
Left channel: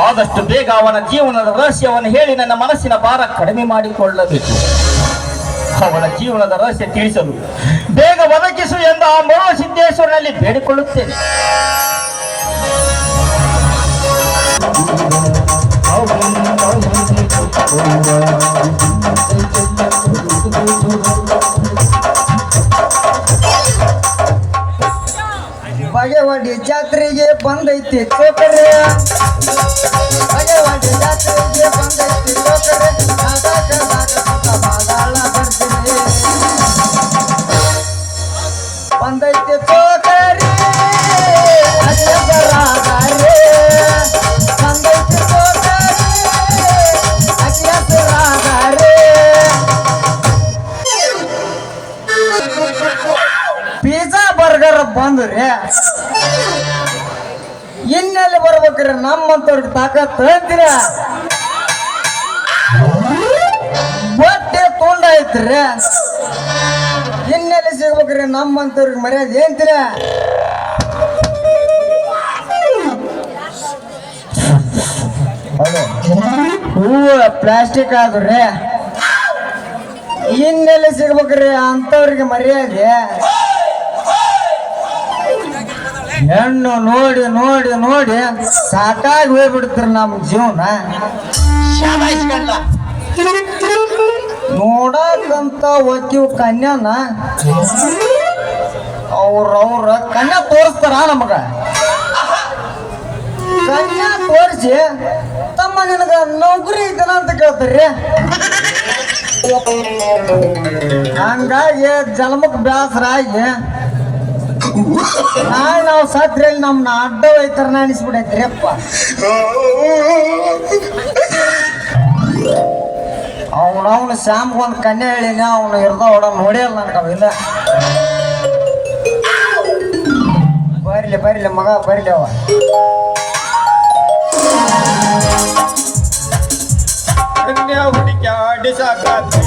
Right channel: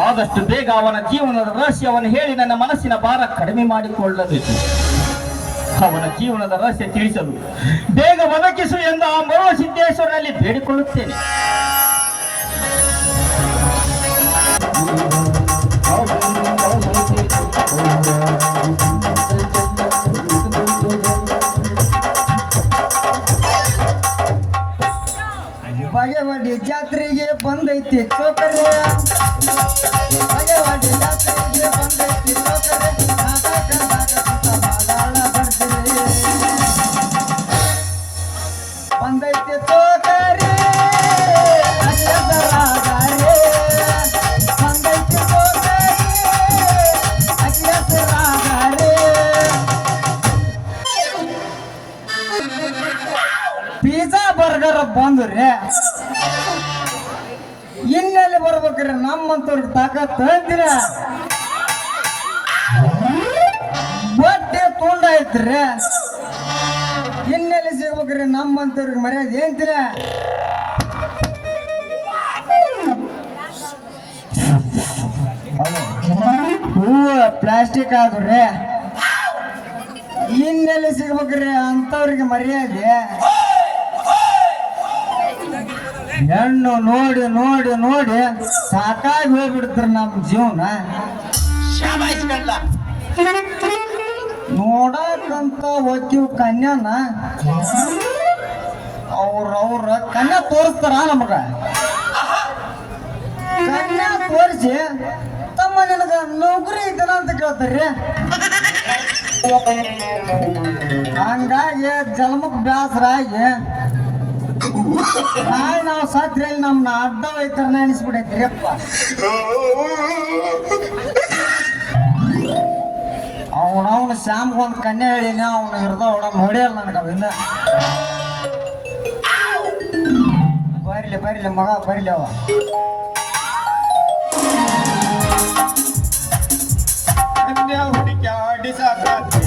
ಆದಷ್ಟು ಬೇಗ ಅವನ ಜೀವನದ ರಹಸ್ಯವನ್ನು ಹೇಳಿ ನನ್ನ ಮನಸ್ಸಿನ ಭಾರ ಕಡಿಮೆ ಮಾಡಿಕೊಳ್ಳಬೇಕು. ಅವನ ಜೀವನದ ರಹಸ್ಯ ತಿಳಿಸಲು ಬೇಗ ಬದುಕಿಸು ಎಂದು ಆ ಮರೋ ಸಿದ್ದೇಶ್ವರನಲ್ಲಿ ಬೇಡಿಕೊಳ್ಳುತ್ತೇನೆ. ಬಗೆವಾಡಿ ಜಾತ್ರೆಗೆ ಬಂದೈತಿ ಚೋಕರೆ, ಬಗೆವಾಡಿ ಜಾತ್ರೆಗೆ ಬಂದೈತಿ ಚೋಕರೆ, ಬಂದೈತಿ ಚೋಕರೆ, ಅಕ್ಷರಾಧಾರೆ, ಬಂದೈತಿ ಚೋಕರೆ, ಅಕ್ಷರಾಧಾರೆ. ಪಿಜ್ಜಾ ಬರ್ಗರ್ ಬಂದ್ರಿ ಇನ್ನೆಲ್ಲಿ ಬರ್ಬೇಕ್ರಿ? ನಮ್ಮಂತವ್ರಿಗೆ ತಾಕತ್ ಅಂತೀರ, ಬಟ್ಟೆ ತುಂಡ ಐತ್ರಿ, ಇನ್ನೆಲ್ಲಿ ಸಿಗ್ಬೇಕ್ರಿ? ನಮ್ಮಂತವ್ರಿಗೆ ಮರ್ಯಾದೆ ಏನ್ತೀರ? ಹೂವು ಪ್ಲಾಸ್ಟಿಕ್ ಆದ್ರಿ, ಇನ್ನೆಲ್ಲಿ ಸಿಗ್ಬೇಕ್ರಿ ಅಂತವ್ರಿಗೆ ಮರ್ಯಾದೆ? ಹೆಣ್ಣು ನೋಡಿ ನೋಡಿ ನೋಡಿ ಸಾಕಾಗಿ ಹೋಗ್ಬಿಡ್ತೀರಿ ನಮ್ಮ ಜೀವನ. ನೋಡಕಂತ ಒಕ್ಕಿವ್ ಕನ್ಯಾನ ಅವ್ರ ಕನ್ಯಾ ತೋರಿಸ್ತಾರ ನಮಗ. ಕನ್ಯಾ ತೋರಿಸಿ ತಮ್ಮ ನಿನಗ ನೌಕರಿ ಐತನ ಅಂತ ಕೇಳ್ತಾರ್ರಿ. ಹಂಗಾಗಿ ಜನ್ಮಕ್ ಬ್ಯಾಸರ ಆಗಿ ನಾವು ಸತ್ರಲ್ಲಿ ನಮ್ನ ಅಡ್ಡ ಹೋಯ್ತಾರ ಅನಿಸ್ಬಿಡೈತ್ರಿ ಅಪ್ಪ. ಅವನವನು ಶ್ಯಾಮ್ಗ ಒಂದು ಕನ್ಯಾ ಹೇಳಿನ, ಅವನು ಇರ್ದ ಹೊಡ ನೋಡಿಯಲ್ಲ ನನಗೆ ಅವಿಲ್ಲ. ಬರ್ಲಿ ಮಗ ಬರ್ಲಿ ಅವ. ಕನ್ಯಾ ಹುಡುಕ್ಯಾಡಿ ಸಾಕಾತ್ರಿ